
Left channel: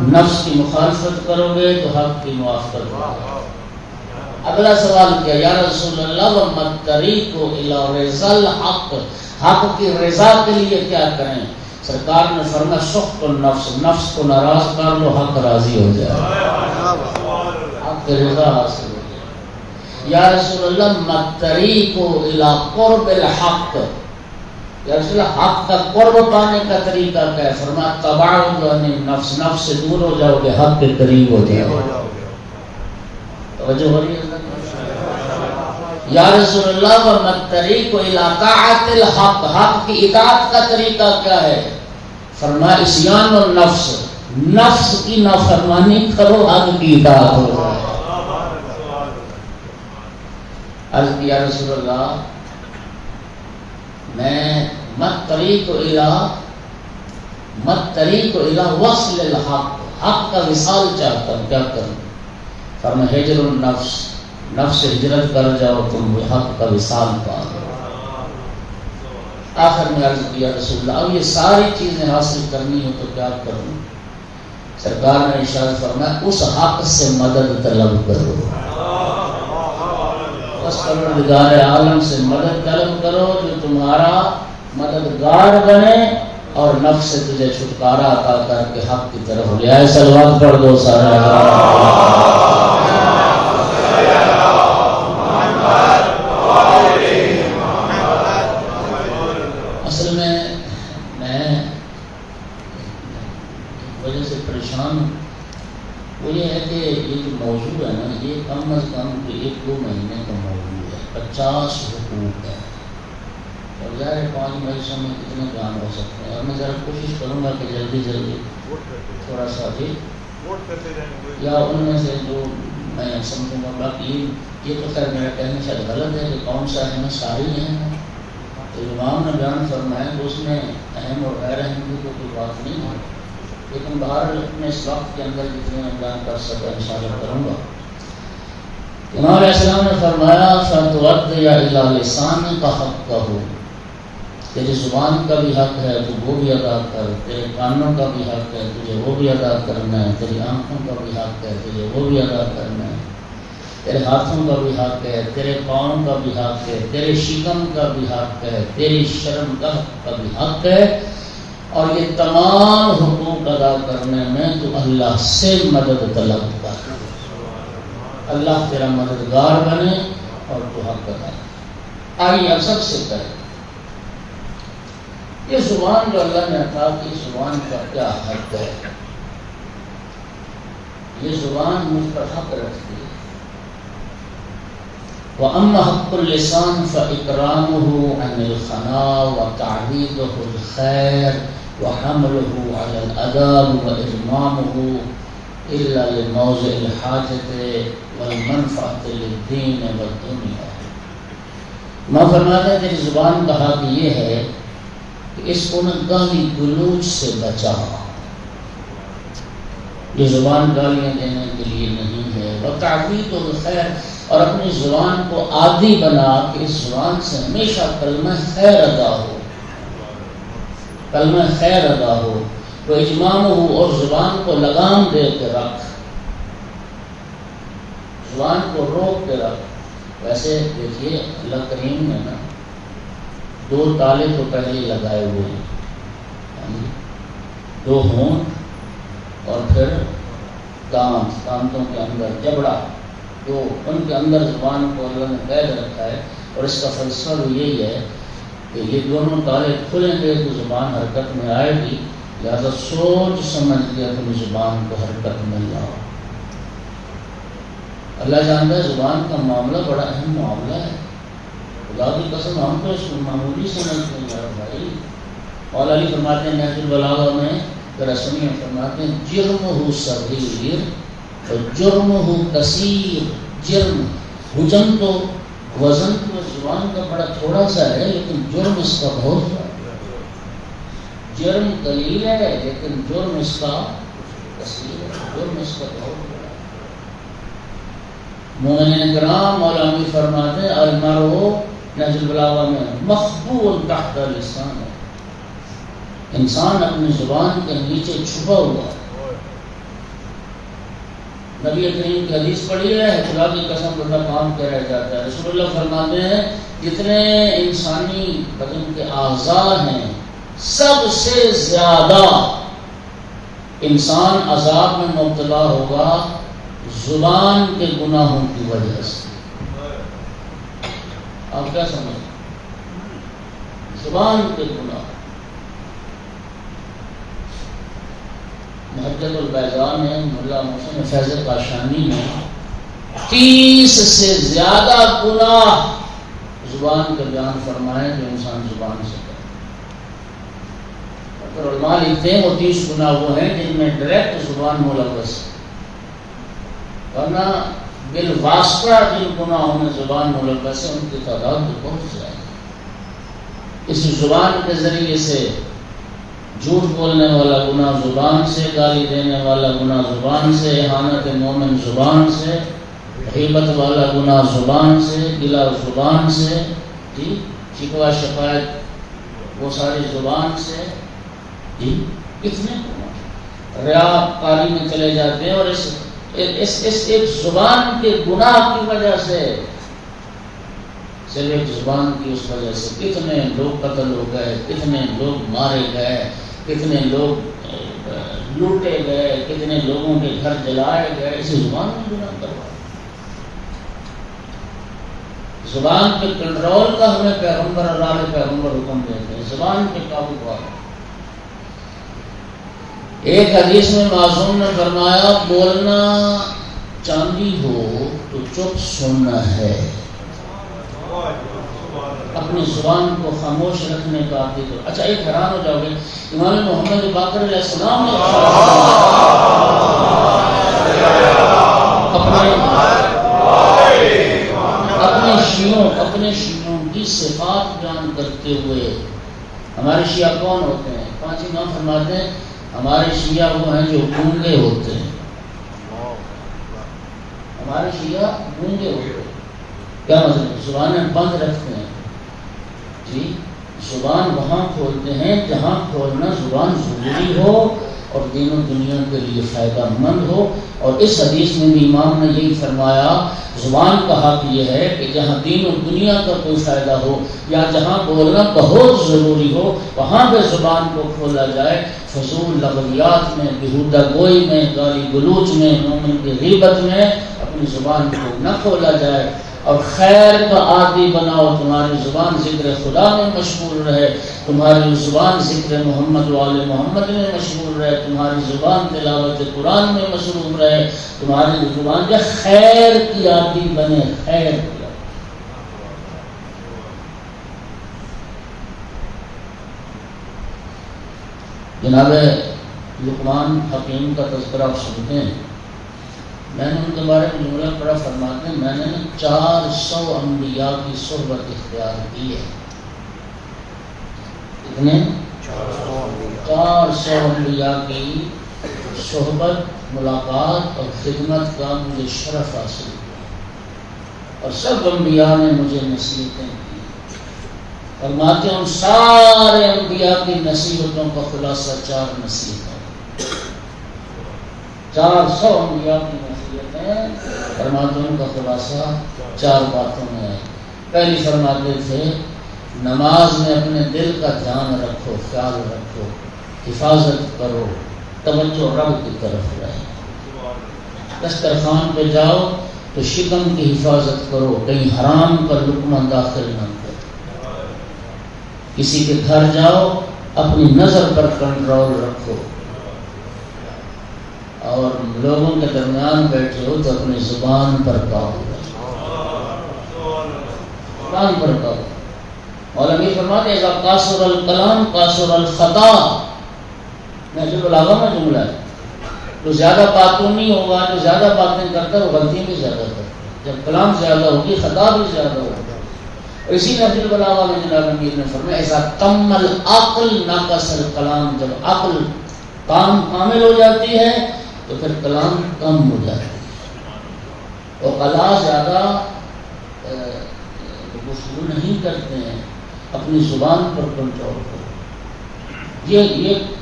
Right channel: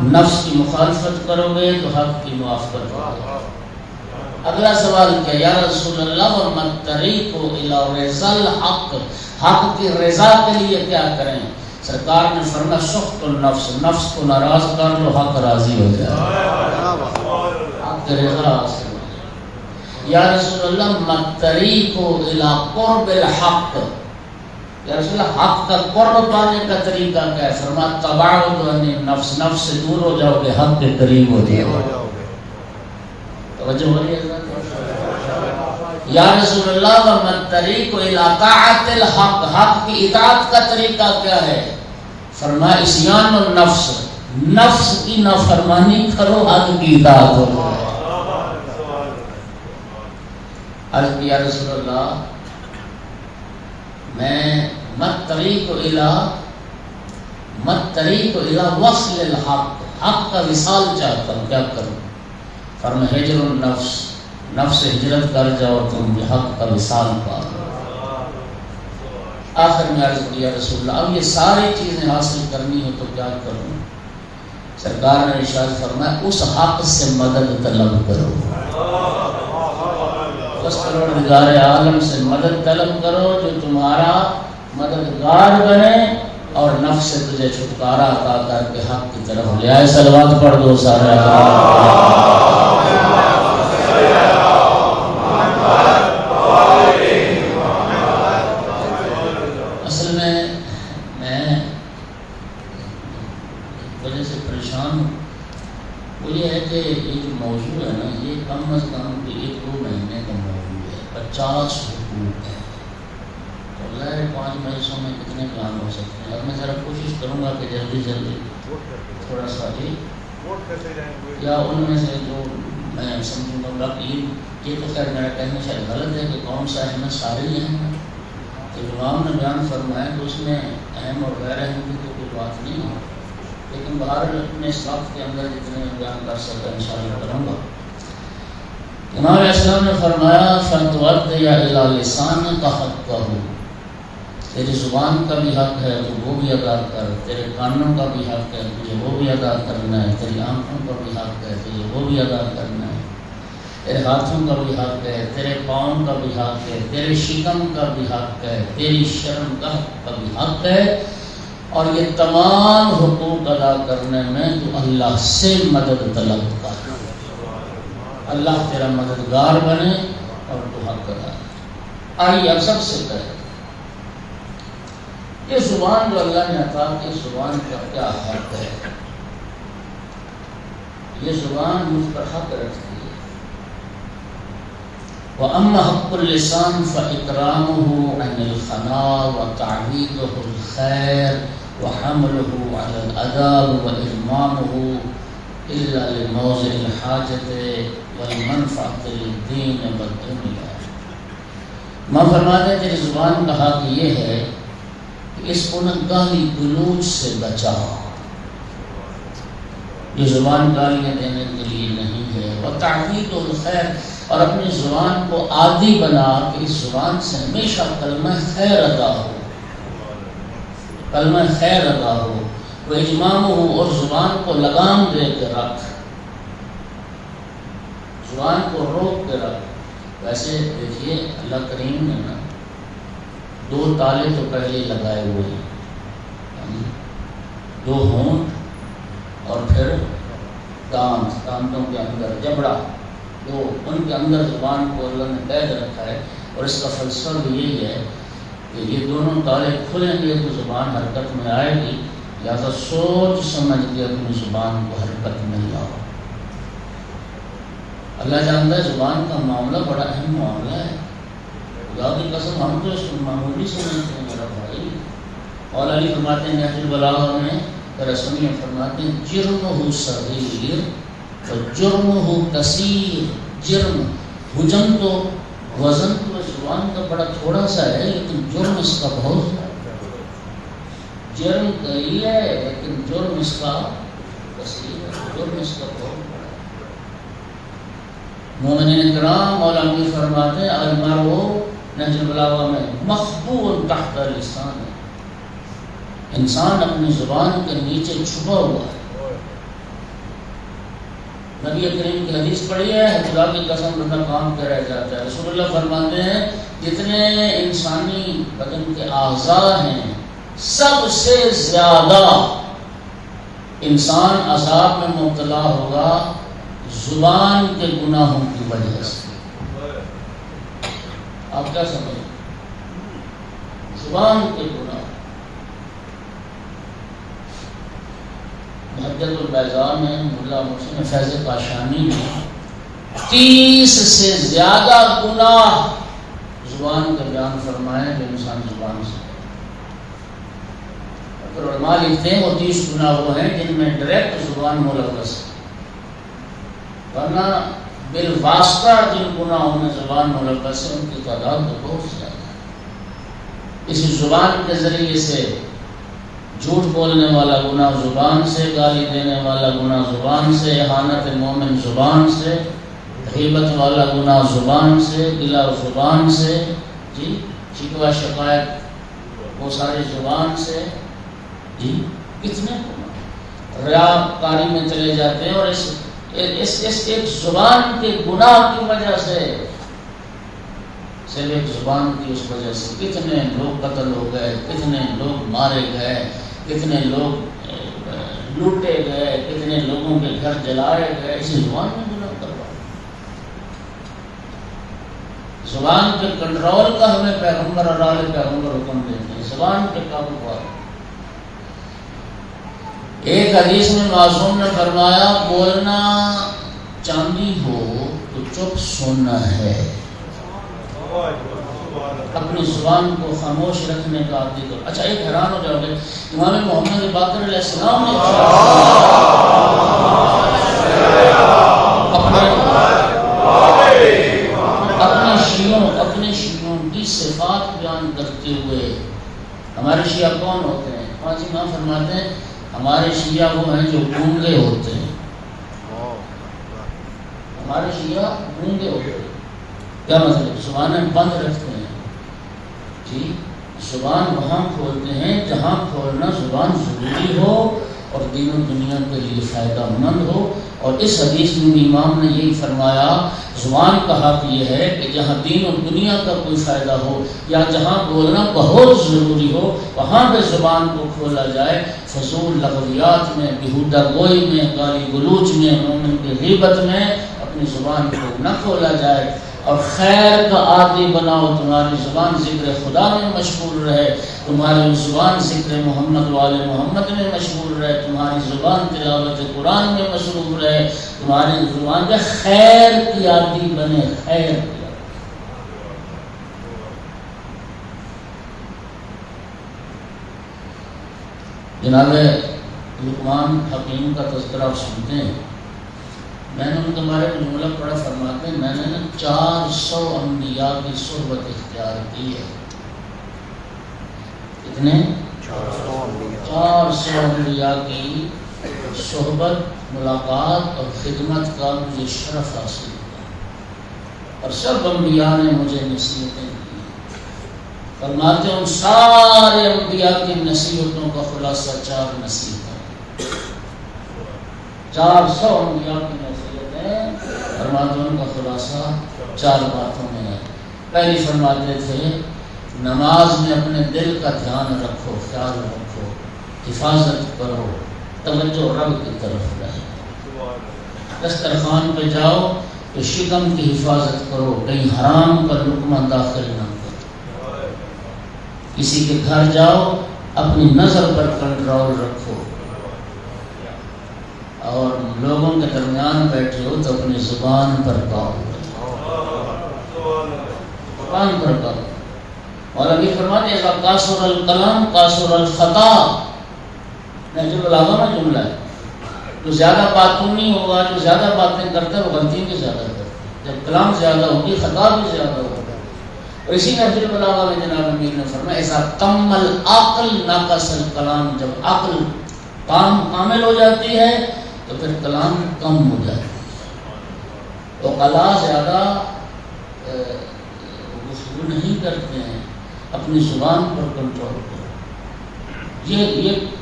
نفس کی مخالفت کرو گے تو حق کی موافقت ہوگی۔ اگلا سوال کیا یا رسول اللہ وما الطریق الی رضا الحق، حق کی رضا کے لیے کیا کریں؟ سرکار نے فرمایا سخط النفس، نفس کو ناراض کر لو حق راضی ہو جائے، حق کی رضا حاصل ہو جائے۔ یا رسول اللہ ما الطریق الی قرب الحق، یا رسول اللہ حق کا قرب پانے کا طریقہ کیا ہے؟ فرمایا تباعد عن النفس، نفس سے دور ہو جاؤ گے حق کے قریب ہو جاؤ گے۔ توجہ ہو رہی ہے حضرت؟ یا رسول اللہ وما الطریق الی طاعت الحق، حق کی اطاعت کا طریقہ کیا ہے؟ فرمایا اسیان النفس، نفس کی نافرمانی کرو، حق کی اطاعت ہو جائے۔ عرض کیا رسول اللہ میں مت طریق الی وصل الحق، حق کا وصال چاہتا ہوں، کیا کروں؟ فرمایا ہجر النفس، نفس ہجرت کر جاؤ تم حق کا وصال پا۔ آخر میں عرض کیا رسول اللہ اب یہ ساری چیزیں حاصل کرنی ہے تو کیا کروں؟ سرکار نے ارشاد فرمایا اس حق سے مدد طلب کرو، اس پروردگار عالم سے مدد طلب کرو جو تمہارا مددگار بنے اور نفس سے تجھے چھٹکارا عطا کر کے حق کی طرف لے آئے۔ صلوات پڑھ دو سارے۔ اصل میں وجہ سے پریشان وہ یہ ہے کہ یہ جو موضوع ہے نا یہ کم از کم 1-2 مہینے کا موضوع ہے، 50 حقوق ہے۔ اب ظاہر ہے 5 مہینوں میں کتنے کلام ہو سکتے ہیں؟ اب میں ذرا کوشش کروں گا کہ جلدی تھوڑا سا بھی یا ان میں سے جو میں سمجھوں گا یہ تو خیر میرا کہنا شاید غلط ہے کہ کون سا اہم ساری ہیں تو امام نے بیان فرمایا کہ اس میں اہم اور غیر اہم کی تو کوئی بات نہیں ہے، لیکن باہر اپنے صاف کے اندر جتنے میں بیان کر سکتا انشاءاللہ کروں گا۔ امام علیہ السلام نے فرمایا فَتُوَدِّ يَا إِلَى لِسَانِكَ حَقَّهُ، تیری زبان کا بھی حق ہے تو وہ بھی ادا کر، تیرے کانوں کا بھی حق ہے تجھے وہ بھی ادا کرنا ہے، تیری آنکھوں کا بھی حق ہے تجھے وہ بھی ادا کرنا ہے، تیرے ہاتھوں کا بھی حق ہے، تیرے پاؤں کا بھی حق ہے، تیرے شکم کا بھی حق ہے، تیری شرم کا بھی حق ہے، اور یہ تمام حقوق ادا کرنے میں تو اللہ سے مدد طلب کر، اللہ تیرا مددگار بنے اور تو حق ادا۔ آئیے اب سب سے پہلے یہ زبان جو اللہ نے عطا کی، زبان کا کیا حق ہے؟ یہ زبان مجھ پر حق رکھتی ہے۔ وَأَمَّا حَقُّ اللِّسَانِ فَإِكْرَامُهُ عَنِ الْخَنَاءِ وَتَعْوِيضُهُ الْخَيْرِ وَحَمْلُهُ عَلَى الْأَدَابِ وَإِرْمَامُهُ إِلَّا لِمَوْضِعِ الْحَاجَةِ وَالْمَنْفَعَةِ لِلدِّينِ وَالدُّنْيَا۔ نو فرماتا ہے کہ زبان کا حق یہ ہے کہ اس کو نہ گالی گلوچ سے بچا، یہ زبان گالیاں دینے کے لیے نہیں ہے، وتعویض الخیر، اور اپنی زبان کو عادی بنا کہ اس زبان سے ہمیشہ کلمہ خیر ادا ہو، کلمہ خیر ادا ہو، وہ اجمام ہو، اور زبان کو لگام دے کے رکھ، زبان کو روک کے رکھ۔ ویسے دیکھیے اللہ کریم نے 2 تالے تو پہلے ہی لگائے ہوئے ہیں، 2 ہونٹ اور پھر دانتوں کے اندر جبڑا، تو ان کے اندر زبان کو اللہ نے قید رکھا ہے، اور اس کا فلسفہ بھی یہی ہے کہ یہ دونوں تالے کھلیں گے تو زبان حرکت میں آئے گی، لہٰذا سوچ سمجھ کے اپنی زبان کو حرکت میں لاؤ۔ اللہ جانتا ہے زبان کا معاملہ بڑا اہم معاملہ ہے، خدا کی قسم ہم تو اس کو معمولی سمجھتے ہیں میرا بھائی۔ مولا علی فرماتے ہیں نہج البلاغہ میں، رسول میں فرماتے ہیں جرمہ صغیر جرمہ کثیر، جرم حجم تو وزن تو زبان کا بڑا تھوڑا سا ہے، لیکن جرم اس کا بہت ہے، جرم قلیل ہے لیکن جرم اس کا کثیر ہے، جرم اس کا بہت ہے۔ مومنین کرام اور عامی فرماتے ہیں المرء نہج البلاغہ میں مخبوء تحت لسان، انسان اپنی زبان کے نیچے چھپا ہوا ہے۔ نبی کریم کی حدیث پڑھی ہے، خدا کی قسم بندہ کام کر رہ جاتا ہے۔ رسول اللہ فرماتے ہیں جتنے انسانی بدن کے اعضاء ہیں سب سے زیادہ انسان عذاب میں مبتلا ہوگا زبان کے گناہوں کی وجہ سے۔ آپ کیا سمجھیں؟ زبان کے گناہ۔ محدث البیضاء میں ملا محسن فیض کاشانی نے 30 سے زیادہ گناہ زبان کے بیان فرمائے جو انسان زبان سے کرے۔ علماء لکھتے ہیں وہ 30 گناہ وہ ہیں جن میں ڈائریکٹ زبان ملوث ہے، ورنہ بالواسطہ جن گناہوں میں زبان ملوث ہے ان کی تعداد تو بہت زیادہ ہے۔ اس زبان کے ذریعے سے جھوٹ بولنے والا گناہ زبان سے، گالی دینے والا گناہ زبان سے، اہانت مومن زبان سے، غیبت والا گناہ زبان سے، گلا زبان سے، جی شکوہ شکایت وہ سارے زبان سے، جی کتنے ریا کاری میں چلے جاتے ہیں، اور اس ایک زبان کے گناہ کی وجہ سے، صرف ایک زبان کی اس وجہ سے کتنے لوگ قتل ہو گئے، کتنے لوگ مارے گئے، کتنے لوگ لوٹے گئے، کتنے لوگوں کے گھر جلائے گئے، اسی زبان میں گناہ کروا۔ زبان کے کنٹرول کا ہمیں پیغمبر اللہ علیہ پیغمبر حکم دیتے ہیں، زبان کے قابو پا۔ ایک حدیث میں معصوم نے فرمایا بولنا چاندی ہو تو چپ سننا ہے، اپنی زبان کو خاموش رکھنے کا عادی ہے۔ اچھا ایک حیران ہو جاؤ گے، امام محمد باقر علیہ السلام نے اپنے شیعوں کی صفات بیان کرتے ہوئے، ہمارے شیعہ کون ہوتے ہیں؟ 5 امام فرماتے ہیں ہمارے شیعہ وہ ہیں جو گونگے ہوتے ہیں، ہمارے شیعہ گونگے ہوتے ہیں۔ کیا مطلب؟ زبانیں بند رکھتے ہیں، جی زبان وہاں کھولتے ہیں جہاں کھولنا زبان ضروری ہو اور دین و دنیا کے لیے فائدہ مند ہو۔ اور اس حدیث میں بھی امام نے یہی فرمایا، زبان کا حق یہ ہے کہ جہاں دین و دنیا کا کوئی فائدہ ہو یا جہاں بولنا بہت ضروری ہو وہاں پہ زبان کو کھولا جائے، فضول لغویات میں، بیہودہ گوئی میں، گالی گلوچ میں، مومن کی غیبت میں اپنی زبان کو نہ کھولا جائے، اور خیر کا عادی بناؤ، تمہاری زبان ذکر خدا میں مشغول رہے، تمہاری زبان ذکر محمد والے محمد میں مشغول رہے، تمہاری زبان تلاوت قرآن میں مشغول رہے، تمہاری زبان کے خیر کی عادی بنے، خیر کی۔ جناب لقمان حکیم کا تذکرہ آپ سنتے ہیں، میں نے ان کے بارے میں جملہ پڑا، فرماتے ہیں میں نے 400 انبیاء کی صحبت اختیار کی ہے۔ کتنے؟ 400 انبیاء کی صحبت، ملاقات اور خدمت کا مجھے شرف حاصل ہوا، اور سب انبیاء نے مجھے نصیحتیں دی۔ فرماتے ہیں ان سارے انبیاء کی نصیحتوں کا خلاصہ 4 نصیحتیں، 400 انبیاء کی نصیحتیں فرماتے کا خلاصہ 4 باتوں میں ہے۔ پہلی فرماتے تھے نماز میں اپنے دل کا دھیان رکھو، خیال رکھو، حفاظت کرو، توجہ رب کی طرف رہے۔ دسترخوان پہ جاؤ تو شکم کی حفاظت کرو، کہیں حرام پر لقمہ داخل نہ کرو۔ کسی کے گھر جاؤ اپنی نظر پر کنٹرول رکھو، اور لوگوں کے درمیان بیٹھے ہو تو اپنی زبان پر قابو رکھو، زبان پر قابو۔ اور ابھی فرماتے ہیں قاصر الکلام قاصر الخطا، نہج البلاغہ میں جملہ ہے، تو زیادہ باتوں نہیں ہوگا، جو زیادہ باتیں کرتا ہے وہ غلطی بھی زیادہ کرتا ہے، جب کلام زیادہ ہوگی خطا بھی زیادہ ہوگا۔ اور اسی نہج البلاغہ میں جناب امیر نے فرمایا ایسا کم العقل ناقص الکلام، جب عقل کامل ہو جاتی ہے تو پھر کلام کم ہو جاتا ہے، تو قضا زیادہ گفتگو نہیں کرتے ہیں، اپنی زبان پر کنٹرول کرو۔ یہ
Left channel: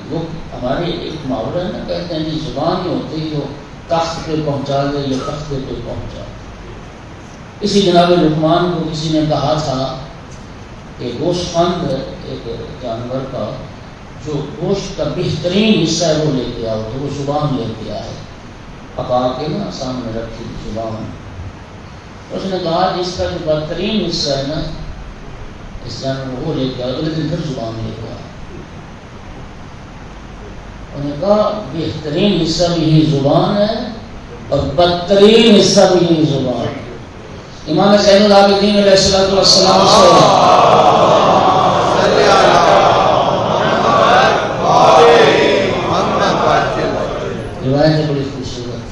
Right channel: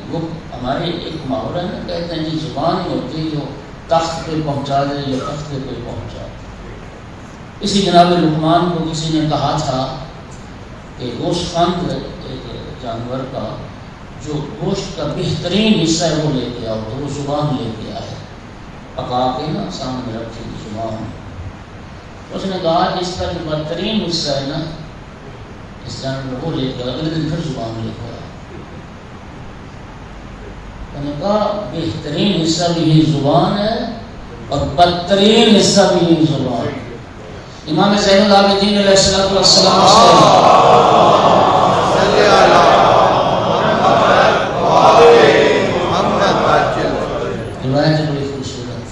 وہ ہمارے ایک محاورہ میں کہتے ہیں کہ زبان ہی ہوتی ہے جو تخت پہ پہنچا دے، یہ تخت پہ پہنچا دے۔ اسی جناب لقمان کو کسی نے کہا تھا کہ گوشت خند ایک جانور کا جو گوشت کا بہترین حصہ ہے وہ لے کے آؤ، تو وہ زبان لے کے آئے، پکا کے نا سامنے رکھی زبان۔ اس نے کہا جس کا جو بہترین حصہ ہے نا اس جانور وہ لے کے آؤ، اگلے دن پھر زبان لے کے آؤ۔ انہوں نے کہا بہترین حصہ بھی یہی زبان ہے اور بدترین حصہ بھی یہی زبان ہے۔ امام زین العابدین علیہ الصلوۃ والسلام صلی اللہ محمد روایت بڑی خوبصورت.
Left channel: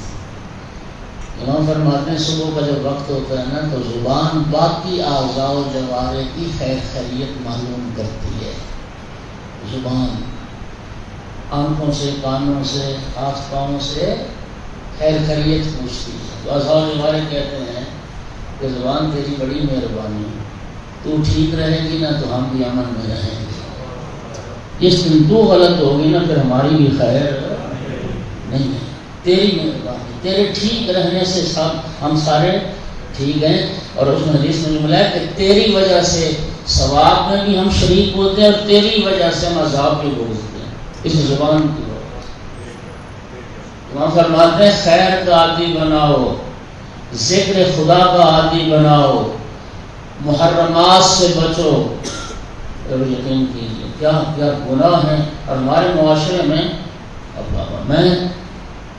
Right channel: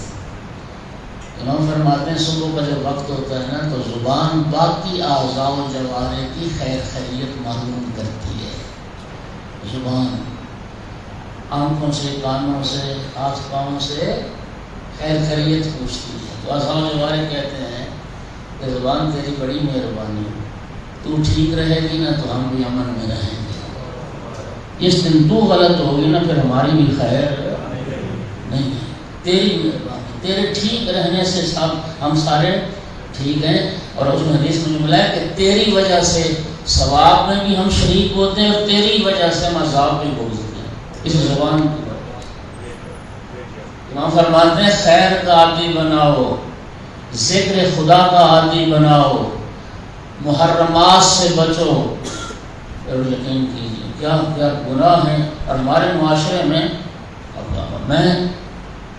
امام فرماتے ہیں صبح کا جب وقت ہوتا ہے نا تو زبان باقی اعضاء و جوارح کی خیر خیریت معلوم کرتی ہے. زبان آنکھوں سے، کانوں سے، ہاتھ پاؤں سے خیر خیریت پوچھتی ہے. اعضاء و جوارح کہتے ہیں کہ زبان تیری بڑی مہربانی ہے، تو ٹھیک رہے گی نا تو ہم بھی امن میں رہیں گے. جس دن تو غلط ہوگی نا پھر ہماری بھی خیر نہیں ہے. تیری مہربانی، تیرے ٹھیک رہنے سے ہم سارے ٹھیک ہیں. اور اس میں حدیث میں ملا کہ تیری وجہ سے ثواب میں بھی ہم شریک ہوتے ہیں اور تیری وجہ سے ہم عذاب بھی بھوگتے ہیں اس زبان کی وجہ سے. وہاں فرماتے ہیں خیر کا عادی بناؤ، ذکر خدا کا عادی بناؤ، محرمات سے بچو. اور یقین کیجیے کیا کیا گناہ ہیں. اور ہمارے معاشرے میں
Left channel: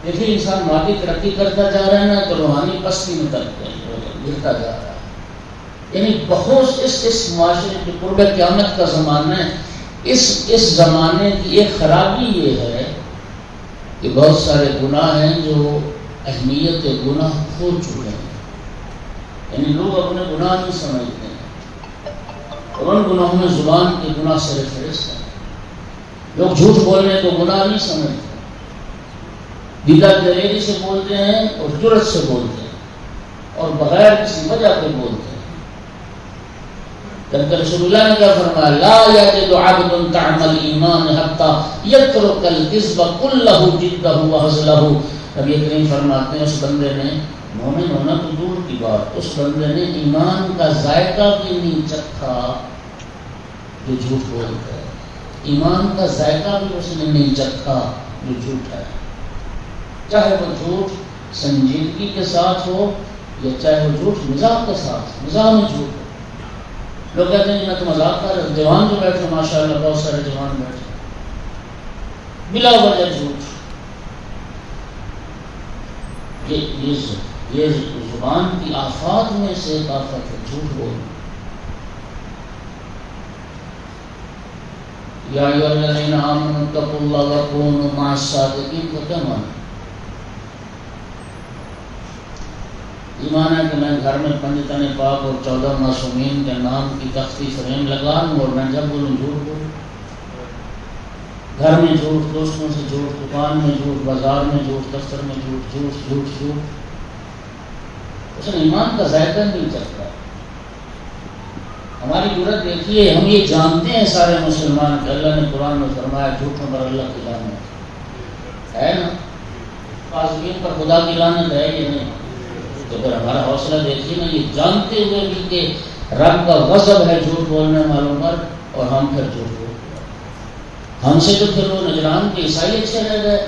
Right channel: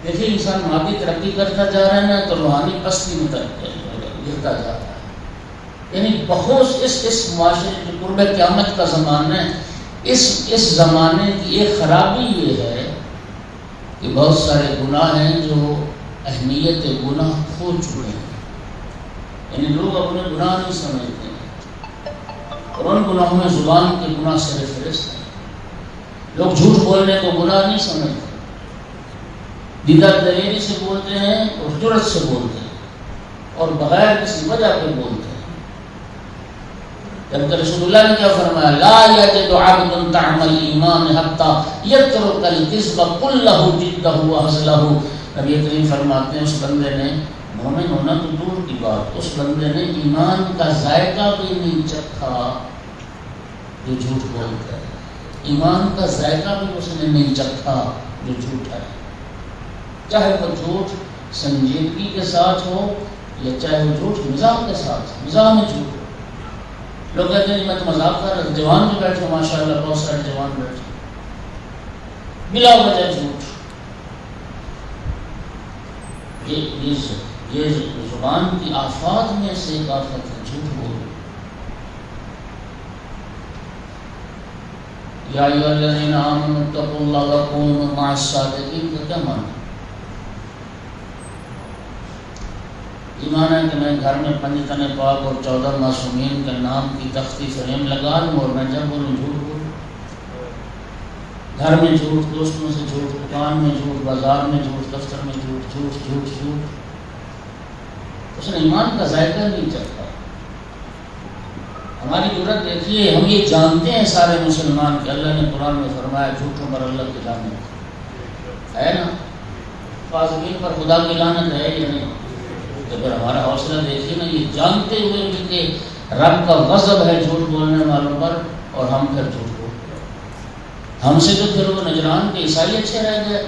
دیکھیے انسان مادی ترقی کرتا جا رہا ہے نا تو روحانی پستی میں گرتا جا رہا ہے. یعنی بہت اس معاشرے کی قرب قیامت کا زمانہ ہے. اس زمانے کی ایک خرابی یہ ہے کہ بہت سارے گناہ ہیں جو اہمیت گناہ کھو چکے ہیں. یعنی لوگ اپنے گناہ نہیں سمجھتے ہیں اور ان گناہوں میں زبان کے گناہ سے فہرست ہے. لوگ جھوٹ بولنے کو گناہ نہیں سمجھتے، بلا دلیری سے بولتے ہیں اور جرت سے بولتے ہیں اور بغیر کسی وجہ کے بولتے ہیں. جبکہ رسول اللہ نے کیا فرمایا، لا یجد عبد طعم الایمان حتی یترک الکذب کلہ جدہ وہزلہ. نبی کریم فرماتے ہیں اس بندے نے مومن ہونا تو دور کی بات، اس بندے نے ایمان کا ذائقہ بھی نہیں چکھا جو جھوٹ بولتا ہے. ایمان کا ذائقہ بھی اس نے نہیں چکھا جو جھوٹ ہے. چاہے وہ جھوٹ سنجیدگی کے ساتھ ہو یا چاہے وہ جھوٹ مزاح کے ساتھ ہو. مزاح میں جھوٹ، لوگ کہتے ہیں میں تو مذاق کر رہا. جوان جو بیٹھے ماشاء اللہ بہت سارے جوان بیٹھے بلا وجہ جھوٹ. یہ زبان کی آفات میں سے ایک آفت ہے جھوٹ بولنا. یا ایھا الذین آمنوا اتقوا اللہ وکونوا مع الصادقین کو کیا مانا؟ ایمان ہے کہ میں گھر میں 5 تن پاک اور 14 معصومین کے نام کی تختی فریم لگا لوں اور میں جب بولوں جھوٹ بولوں. گھر میں جھوٹ، دوستوں سے جھوٹ، دکان میں جھوٹ، بازار میں جھوٹ، دفتر میں جھوٹ، جھوٹ جھوٹ جھوٹ. اس نے ایمان کا ذائقہ نہیں چاہتا. ہماری ضرورت دیکھیے، ہم یہ جانتے ہیں سارے مسلمان کہ اللہ نے قرآن میں فرمایا جھوٹوں پر اللہ کی لعنت ہے نا. فاسقین پر خدا کی لعنت ہے یا نہیں؟ تو پھر ہمارا حوصلہ دیکھیے نا، یہ جانتے ہوئے بھی کہ رب کا غضب ہے جھوٹ بولنے والوں پر اور ہم پھر جھوٹ بولتے ہیں. ہم سے تو پھر وہ نجران کے عیسائی اچھے رہ گئے.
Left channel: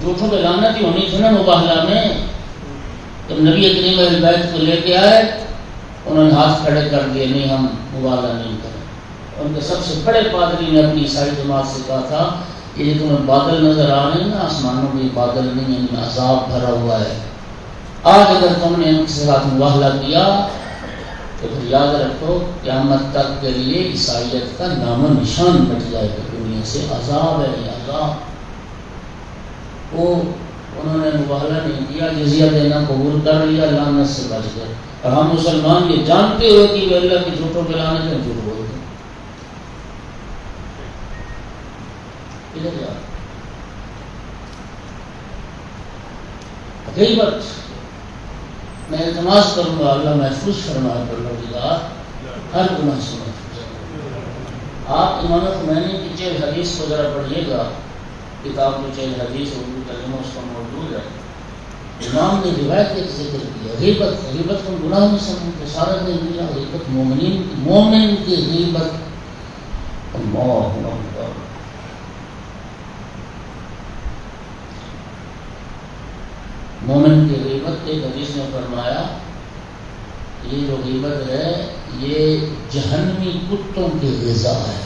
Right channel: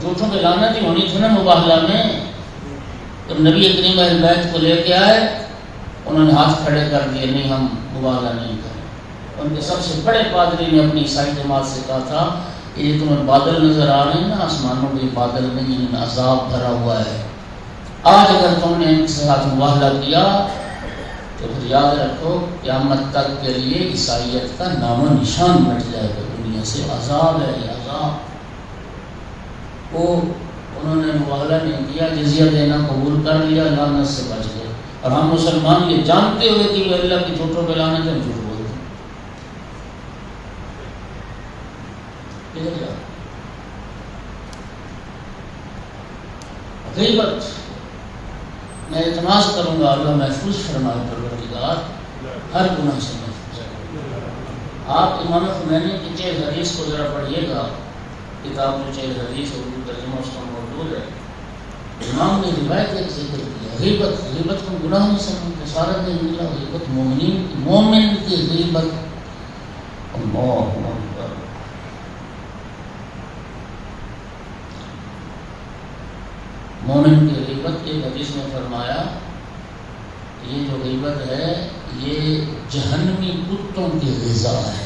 جھوٹوں کی لعنت ہی ہونی تھی نا مباہلہ میں. تو نبی کریم اہل بیت کو لے کے آئے، انہوں نے ہاتھ کھڑے کر دیے، نہیں ہم مباہلہ نہیں کریں. ان کے سب سے بڑے پادری نے اپنی عیسائی جماعت سے کہا تھا یہ تمہیں بادل نظر آ رہے ہیں نا، آسمانوں میں بادل نہیں، ان میں عذاب بھرا ہوا ہے. آج اگر تم نے ان کے ساتھ مباہلہ کیا تو پھر یاد رکھو قیامت تک کے لیے عیسائیت کا نام و نشان مٹ جائے گا دنیا سے. عذاب ہے یہ عذاب. وہ انہوں نے مباہلہ نہیں کیا، جزیہ دینا قبول کر لیا، لعنت سے بچ گئے. اور ہم مسلمان یہ جانتے ہوئے کہ وہ اللہ کی جھوٹوں کے لعنت میں جھوٹ بولتے ہیں. غیبت میں التماس کروں گا اللہ محفوظ فرمائے پروردگار ہر گناہ سے محفوظ. آپ امام خمینی کی 4 حدیث کو ذرا پڑھیے گا، کتاب میں 4 حدیث اردو ترجمہ اس کا موجود ہے. امام نے روایت ایک ذکر کی غیبت کو گناہ نہیں سمجھتے. سارا دن نکلا غیبت مومن کی غیبت. اللہ اکبر. مومن کی غیبت ایک حدیث میں فرمایا یہ جو غیبت ہے یہ جہنمی کتوں کی غذا ہے.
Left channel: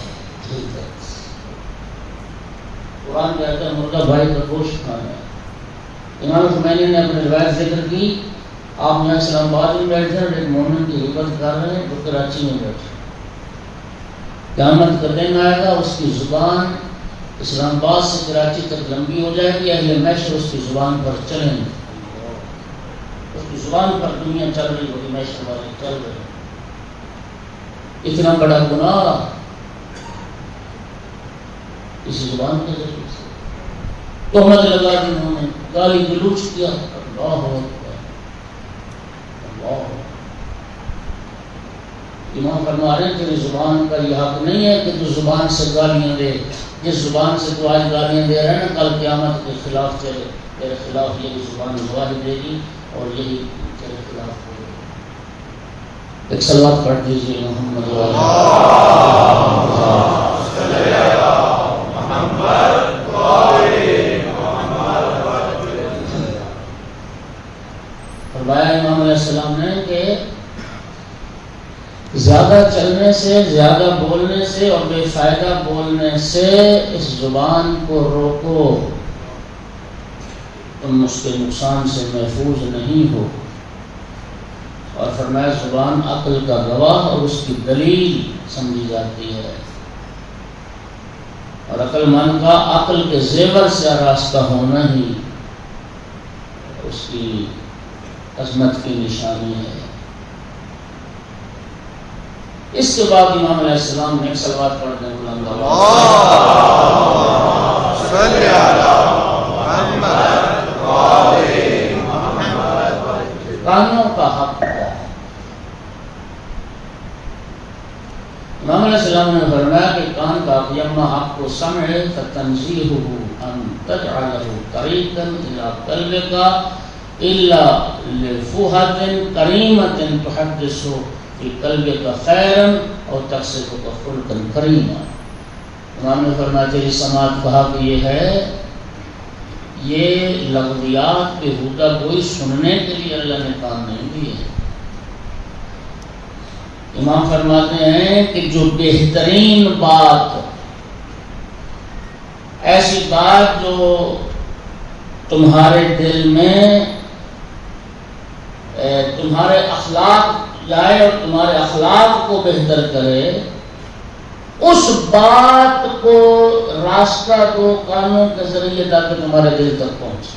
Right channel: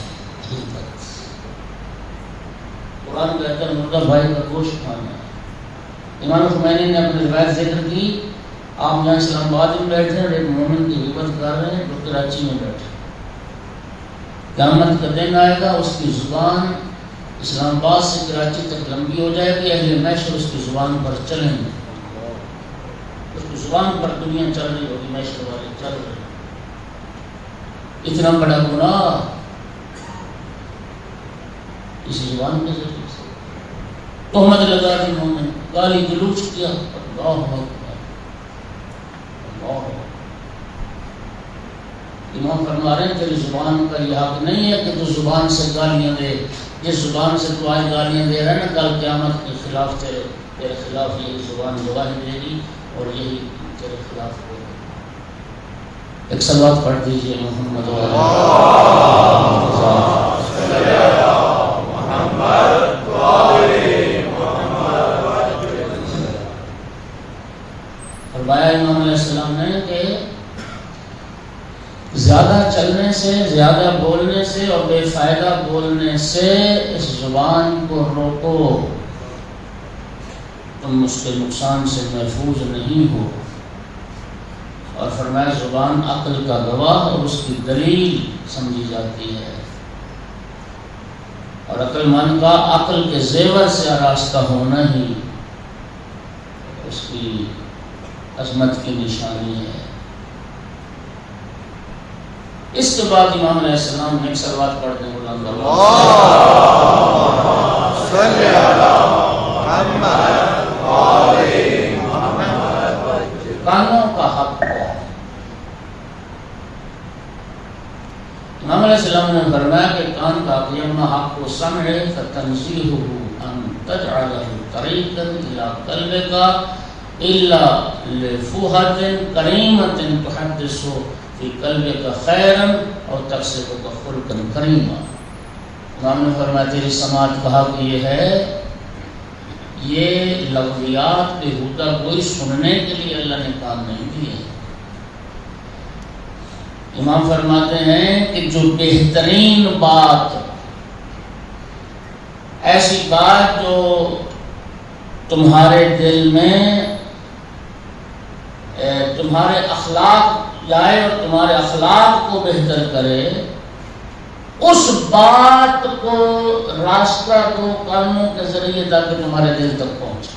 قرآن کہتا ہے مردہ بھائی کا گوشت کھانا. امام خمینی نے اپنے روایت ذکر کی آپ یہاں اسلام آباد میں بیٹھے ہیں، ایک مومن کی غیبت کر رہے ہیں، وہ کراچی میں بیٹھے، قیامت کا دن آئے گا، اس کی زبان اسلام آباد سے کراچی تک لمبی ہو جائے گی، اہل محشر اس کی زبان پر چلیں گے، اس کی زبان پر دنیا چل رہی ہوگی، محشر والے چل رہے، اتنا بڑا گناہ اسی زبان کے ذریعے سے تہمت لگا دی، انہوں نے گالی گلوچ کیا، اللہ اکبر اللہ۔ امام فرما رہے ہیں تیری زبان کا یہ حق نہیں ہے کہ تو زبان سے گالیاں دے، جس زبان سے تو آج گالیاں دے رہے ہیں نا، کل قیامت کے خلاف تیرے خلاف یہی زبان گواہی دے گی اور یہی تیرے خلاف ہوگی۔ ایک صلوات پڑھ دیجیے محمد فرمایا امام علیہ السلام نے کہ زیادہ چلنے سے، زیادہ بولنے سے اور بے فائدہ بولنے سے اس زبان کو روکو، تم اس کے نقصان سے محفوظ نہیں ہو۔ اور فرمایا زبان عقل کا گواہ اور اس کی دلیل سمجھی جاتی ہے، اور عقل مند کا عقل کے زیور سے آراستہ ہونا ہی اس کی عظمت کی نشانی ہے۔ اس کے بعد امام علیہ السلام نے ایک صلوات پڑھ دیں، صلی علی محمد کانوں کا حق ہے۔ امام علیہ السلام نے فرمایا کہ کان کا حق یما حق کو سمعے فتنزیہہ ان تجعلہ طریقا الی قلبک الا لفوہۃ کریمۃ تحدث فی قلبک خیرا اور تقصدک خلقا کریما۔ امام نے فرمایا تیری سماعت کا حق یہ ہے، یہ لفظیات بے ہودہ کوئی سننے کے لیے اللہ نے کام نہیں دیے۔ امام فرماتے ہیں کہ جو بہترین بات، ایسی بات جو تمہارے دل میں تمہارے اخلاق جائے اور تمہارے اخلاق کو بہتر کرے، اس بات کو راستہ دو کانوں کے ذریعے تاکہ تمہارے دل تک پہنچے۔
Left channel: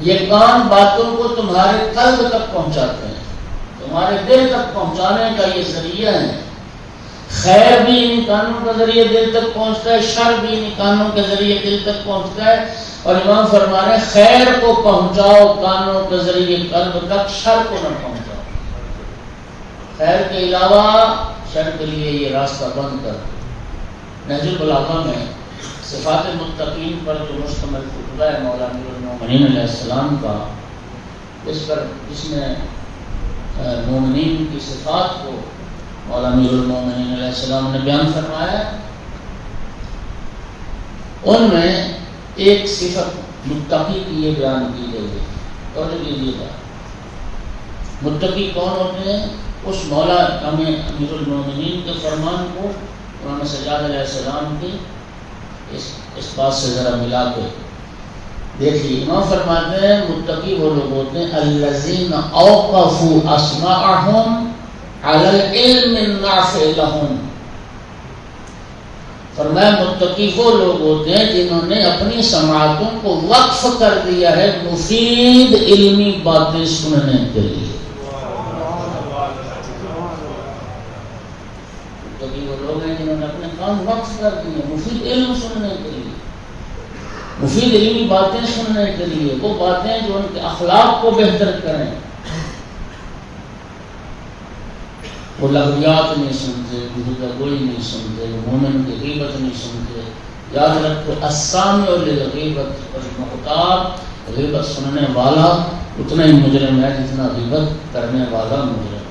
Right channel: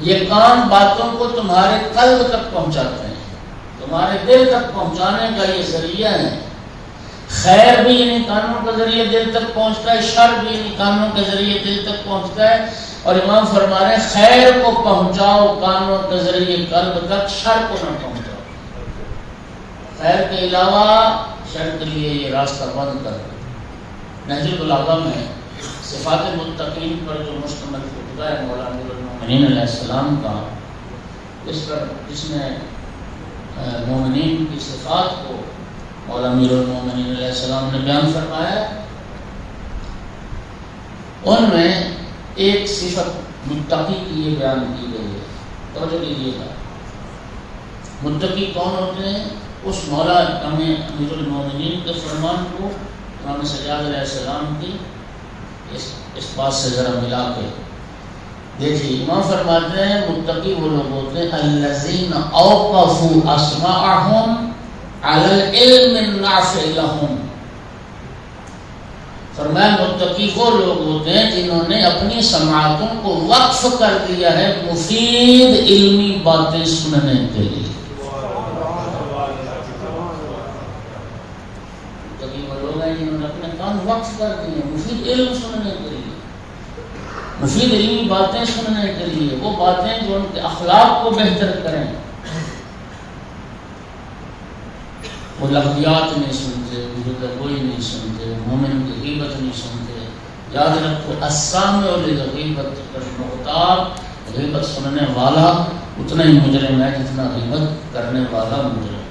یہ کان باتوں کو تمہارے قلب تک پہنچاتے ہیں، تمہارے دل تک پہنچانے کا یہ ذریعہ ہے۔ خیر بھی انہیں کانوں کے ذریعے دل تک پہنچتا ہے، شر بھی انہیں کانوں کے ذریعے دل تک پہنچتا ہے۔ اور امام فرما رہے ہیں خیر کو پہنچاؤ کانوں کے ذریعے قلب تک، شر کو نہ پہنچاؤ۔ خیر کے علاوہ شر کے لیے یہ راستہ بند کر۔ نہج البلاغہ میں صفات المتقین پر جو مشتمل خطبہ ہے مولانا امیر المومنین علیہ السلام کا، اس نے مومنین کی صفات کو مولانا امیر المومنین علیہ السلام نے بیان فرمایا۔ ان میں ایک صفت متقی کی یہ بیان کی گئی ہے، توجہ دیجیے گا۔ متقی کون ہوتے ہیں؟ اس مولا امیر المومنین کے فرمان کو امام سجاد علیہ السلام کی اس بات سے ذرا ملا کے دیکھیے۔ امام فرماتے ہیں متقی وہ لوگ ہوتے ہیں الذین اوقفوا اسماعهم علی العلم النافع لهم۔ فرمایا متقی وہ لوگ ہوتے ہیں جنہوں نے اپنی سماعتوں کو وقف کر دیا ہے مفید علمی باتیں سننے کے لیے۔ متقی وہ لوگ ہیں جنہوں نے اپنے کان وقف کر دیے مفید علم سننے کے لیے، مفید علمی باتیں سننے کے لیے، وہ باتیں جو ان کے اخلاق کو بہتر کریں۔ وہ لغویات نہیں سنتے، گفتگوئی نہیں سنتے، مومن کی غیبت نہیں سنتے۔ یاد رکھو السامع للغیبت المغتاب، غیبت سننے والا اتنا ہی مجرم ہے جتنا غیبت کرنے والا مجرم۔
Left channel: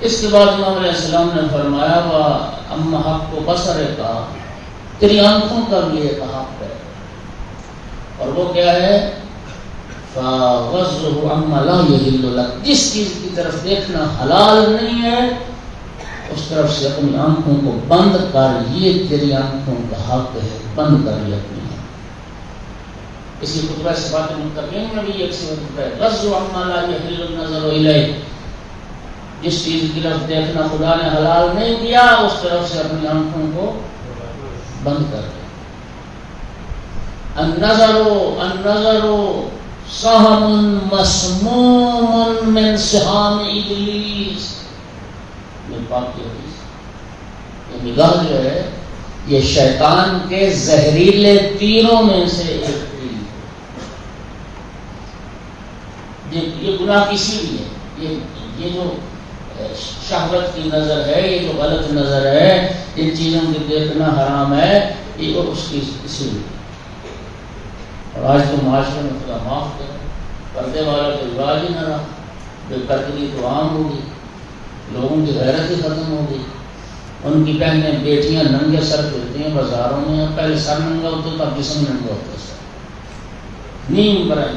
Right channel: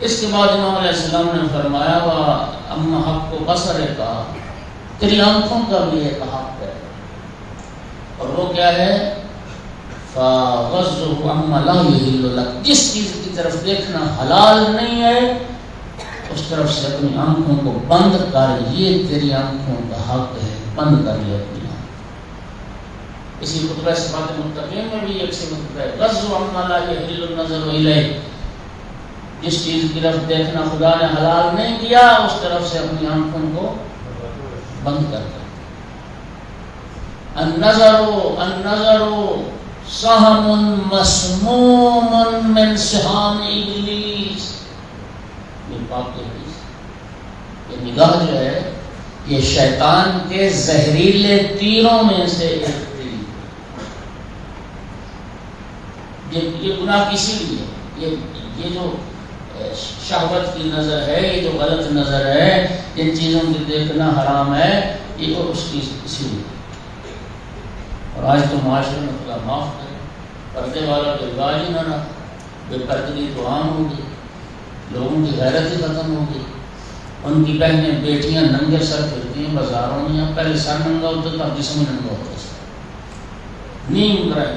اس کے بعد امام علیہ السلام نے فرمایا اما حق کو بصر کہا، تیری آنکھوں کا بھی ایک حق ہے، اور وہ کیا ہے؟ فَغَضُّهُ عَمَّا لَا يَحِلُّ لَكَ، جس چیز کی طرف دیکھنا حلال نہیں ہے اس طرف سے اپنی آنکھوں کو بند کر، یہ تیری آنکھوں کا حق ہے، بند کر لے اپنی اسی خطبہ صفات متقین میں بھی ایک صفت ہے غض عما لا يحل النظر الیہ، جس چیز کی طرف دیکھنا خدا نے حلال نہیں کیا اس طرف سے اپنی آنکھوں کو بند کر دے۔ النظر سہم مسموم من سہام ابلیس، یہ پاک کی حدیث، یہ نگاہ جو ہے یہ شیطان کے زہریلے تیروں میں سے ایک تیر، یہ گناہ کسی لیے، یہ جو شہوت کی نظر ہے، یہ جو غلط نظر ہے، جن چیزوں کی دیکھنا حرام ہے، یہ اس کی اسی لیے۔ اور آج تو معاشرے میں خدا معاف کرے، پردے والا تو رواج ہی نہ رہا، بے پردگی تو عام ہوگی، لوگوں کی غیرت ہی ختم ہوگی۔ ان کی بہنیں بیٹیاں ننگے سر ہوتی ہیں بازاروں میں، پہلے سر ننگا ہوتا تھا، اب جسم ننگا ہوتا ہے، نیم برائے۔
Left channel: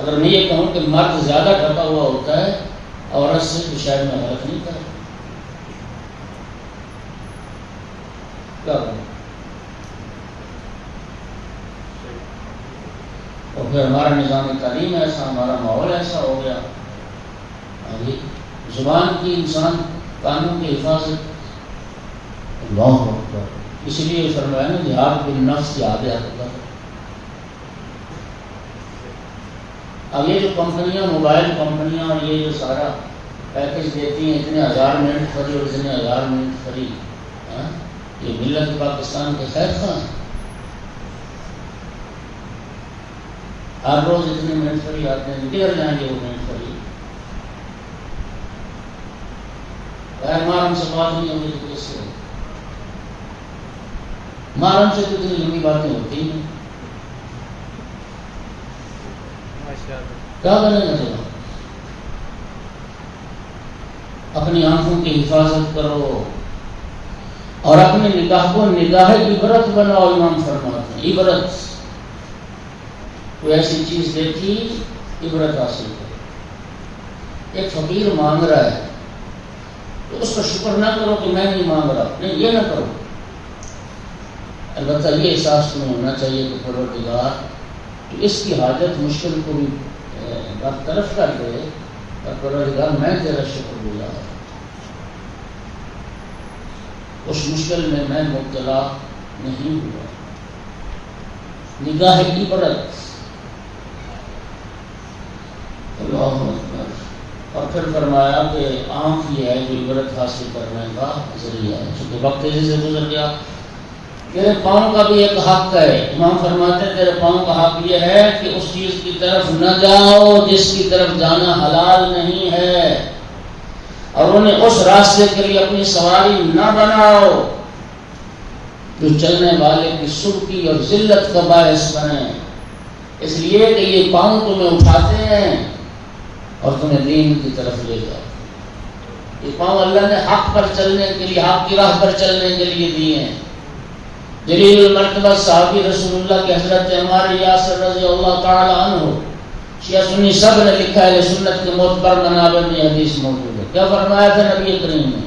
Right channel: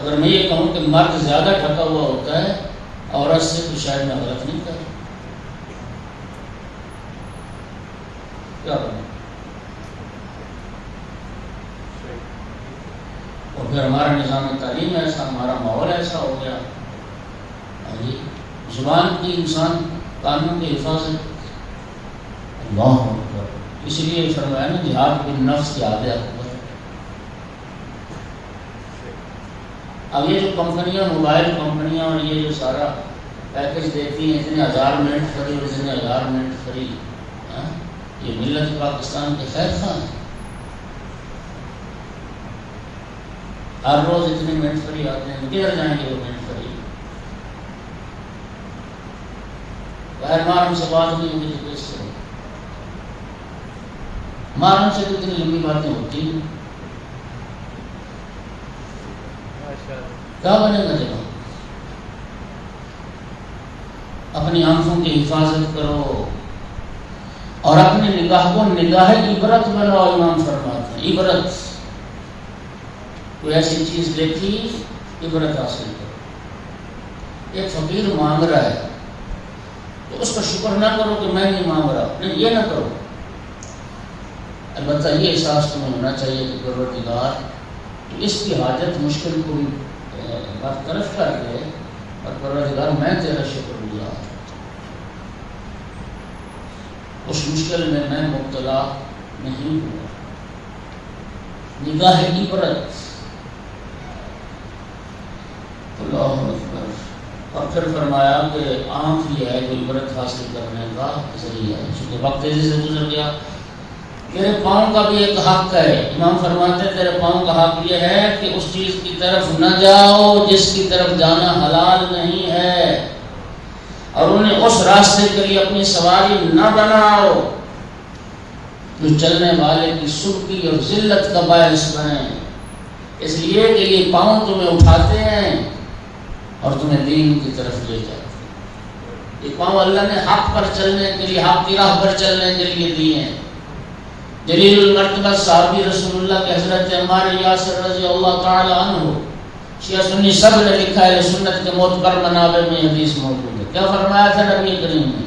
اگر میں یہ کہوں کہ مرد زیادہ ڈھکا ہوا ہوتا ہے عورت سے تو شاید میں غلط نہیں کر کیا کروں؟ اور پھر ہمارا نظام تعلیم ایسا، ہمارا ماحول ایسا ہو گیا، زبان کی انسان قانون کی حفاظت اللہ اکبر، اسی لیے فرمایا نا جہاد بالنفس کی آدھے اکبر۔ اب یہ جو کمپنیاں، موبائل کمپنیاں، اور یہ جو سارا پیکج دیتی ہیں، اتنے 1000 منٹ فری اور اتنے 1000 منٹ فری، یہ ملت پاکستان کے خیر خواہ ہیں۔ ہر روز اتنے منٹ فری آتے ہیں، کدھر جائیں گے وہ منٹ فری؟ محرم سے بات نہیں ہوگی تو کیسے؟ محرم سے کتنی لمبی باتیں ہوتی ہیں، کیا بنے گا؟ جب اپنی آنکھوں کی حفاظت کرو اور اپنے نگاہ کو نگاہ عبرت بناؤ۔ امام فرماتے ہیں عبرت، کوئی ایسی چیز دیکھی عبرت حاصل کرو۔ ایک فقیر مانگ رہا ہے تو اس پر شکر نہ کرو کہ میں نہیں مانگ رہا، نہیں، یہ نہ کرو، البتہ یہ احساس تمہیں ہونا چاہیے کہ پروردگار اس کی حاجت مشکل کو برطرف کر دے، اور پروردگار میں تیرا شکر گزار ہوں، اس مشکل میں میں مبتلا نہیں ہوا۔ نگاہ عبرت، اللہ اکبر۔ اور پھر فرمایا کہ آنکھ یہ ہے جو عبرت حاصل کرنے کا ذریعہ ہے، چونکہ وقت تیزی سے گزر گیا۔ تیرے پاؤں کا بھی ایک حق ہے، امام فرماتے ہیں تیرے پاؤں کا حق یہ ہے کہ اس چیز کی طرف نہ جاؤ جس کی طرف جانا حلال نہیں ہے، اور انہیں اس راستے کے لیے اپنی سواری نہ بناؤ جو چلنے والے کی سرخی اور ذلت کا باعث بنے، اس لیے کہ یہ پاؤں تمہیں اٹھاتے ہیں اور تمہیں دین کی طرف لے جاتے ہیں۔ یہ پاؤں اللہ نے حق پر چلنے کے لیے، حق کی راہ پر چلنے کے لیے دیے ہیں۔ جلیل المرتبہ صحابی رسول اللہ کے حضرت عمار یاسر رضی اللہ تعالی عنہ، شیعہ سنی سب نے لکھا ہے، سنت کے معتبر منابع میں حدیث موجود ہے۔ کیا فرمایا تھا نبی کریم نے؟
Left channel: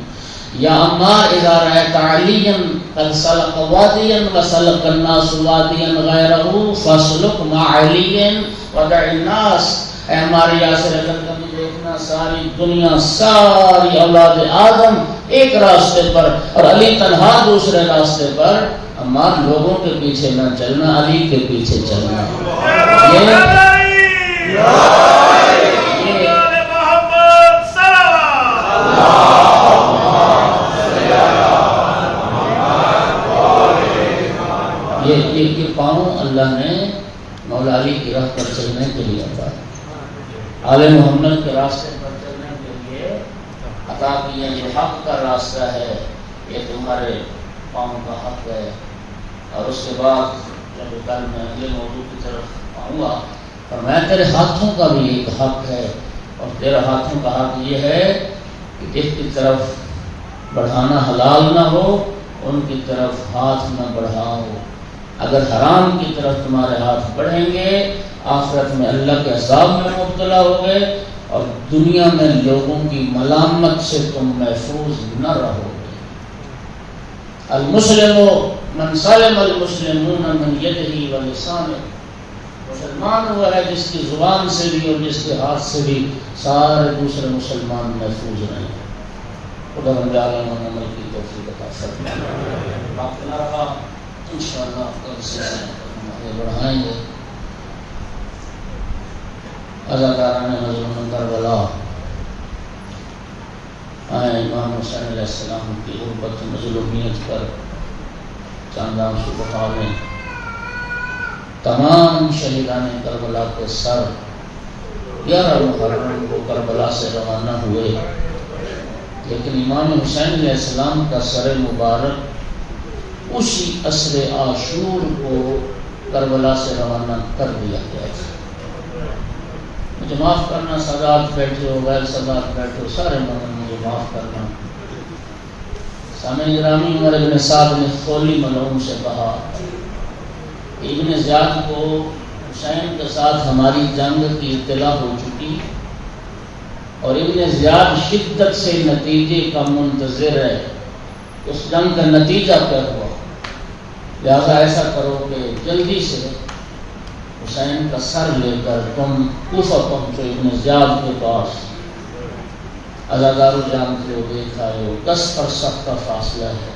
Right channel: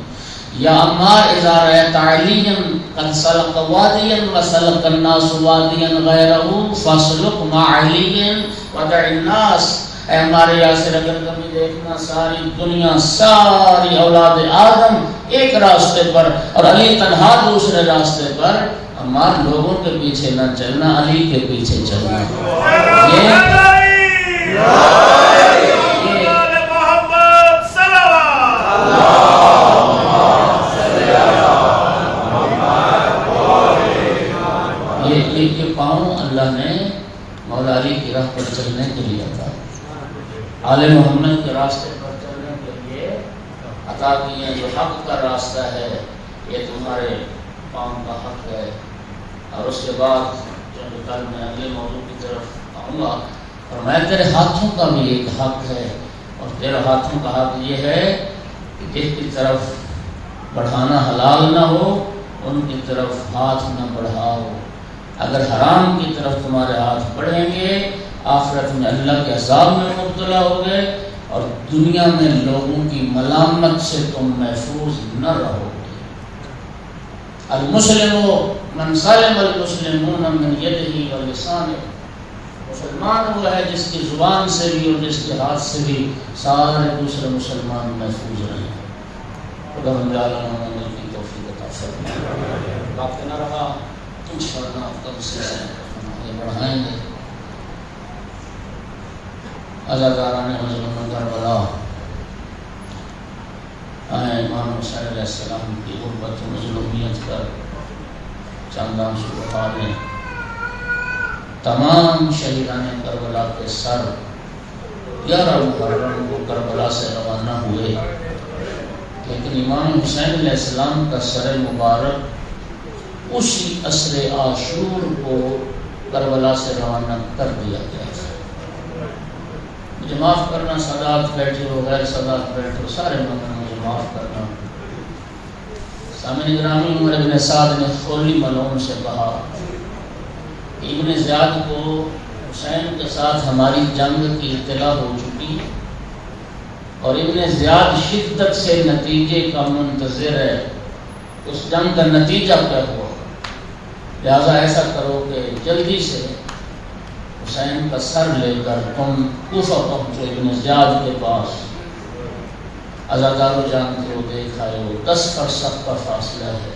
یا عمار اذا رأیت علیا قد سلک وادیا وسلک الناس وادیا غیرہ فاسلک مع علی ودع الناس۔ اے عمار یاسر، اگر کبھی دیکھنا ساری دنیا، ساری اولاد آدم ایک راستے پر اور علی تنہا دوسرے راستے پر، عمار لوگوں کے پیچھے نہ چلنا، علی کے پیچھے چلنا۔ یہ پاؤں اللہ نے مولا علی کی راہ پر چلنے کے لیے عطا، آل محمد کے راستے پر چلنے کے لیے عطا کیے۔ یہ حق کا راستہ ہے، یہ تمہارے پاؤں کا حق ہے۔ اور اس کے بعد جب کل میں اگلے موضوع کی طرف آؤں گا، اور میں تیرے ہاتھوں کا بھی ایک حق ہے، اور تیرے ہاتھوں کا حق یہ ہے کہ ایک کی طرف بڑھانا حلال نہ ہو، ان کی طرف ہاتھ نہ بڑھاؤ۔ اگر حرام کی طرف تمہارے ہاتھ بڑھیں گے، آخرت میں اللہ کے عذاب میں مبتلا ہوگے، اور دنیا میں لوگوں کی ملامت سے تم محفوظ نہ رہو گے۔ المسلم من سلم المسلمون من یدہ و لسانہ، مسلمان وہ ہے جس کی زبان سے بھی اور جس کے ہاتھ سے بھی سارے دوسرے مسلمان محفوظ رہے. خدا ہم عمل کی توفیق عطا فرمائے. باقی نہ رہا انشاءاللہ کل سے آگے بڑھائیں گے. اداکاران مظلوم کربلا آئے امام حسین علیہ السلام کی غربت مظلومیت پر چاندان شکوفا میں تمام شہیدان کربلا کے سر 11 محرم کو کربلا سے روانہ ہوئے، لیکن امام حسین علیہ السلام کا سر مبارک اسی عصر عاشور کو کربلا سے روانہ کر دیا گیا تھا. مجھے معاف کرنا، سادات بیٹھے ہو، غیر سادات بیٹھے ہو، سارے مجھے معاف کرنا. سامع گرامی، عمر ابن سعد نے خولی ملعون سے کہا کہ ابن زیاد کو حسین کے ساتھ ہماری جنگ کی اطلاع ہو چکی اور ابن زیاد شدت سے نتیجے کا منتظر ہے. اس جنگ کا نتیجہ کیا ہوا؟ لہذا ایسا کرو کہ جلدی سے حسین کا سر لے کر تم کوفہ پہنچو ابن زیاد کے پاس. ازادارو جانتے ہو، دیکھ آئے ہو، 10 فرسخ کا فاصلہ ہے،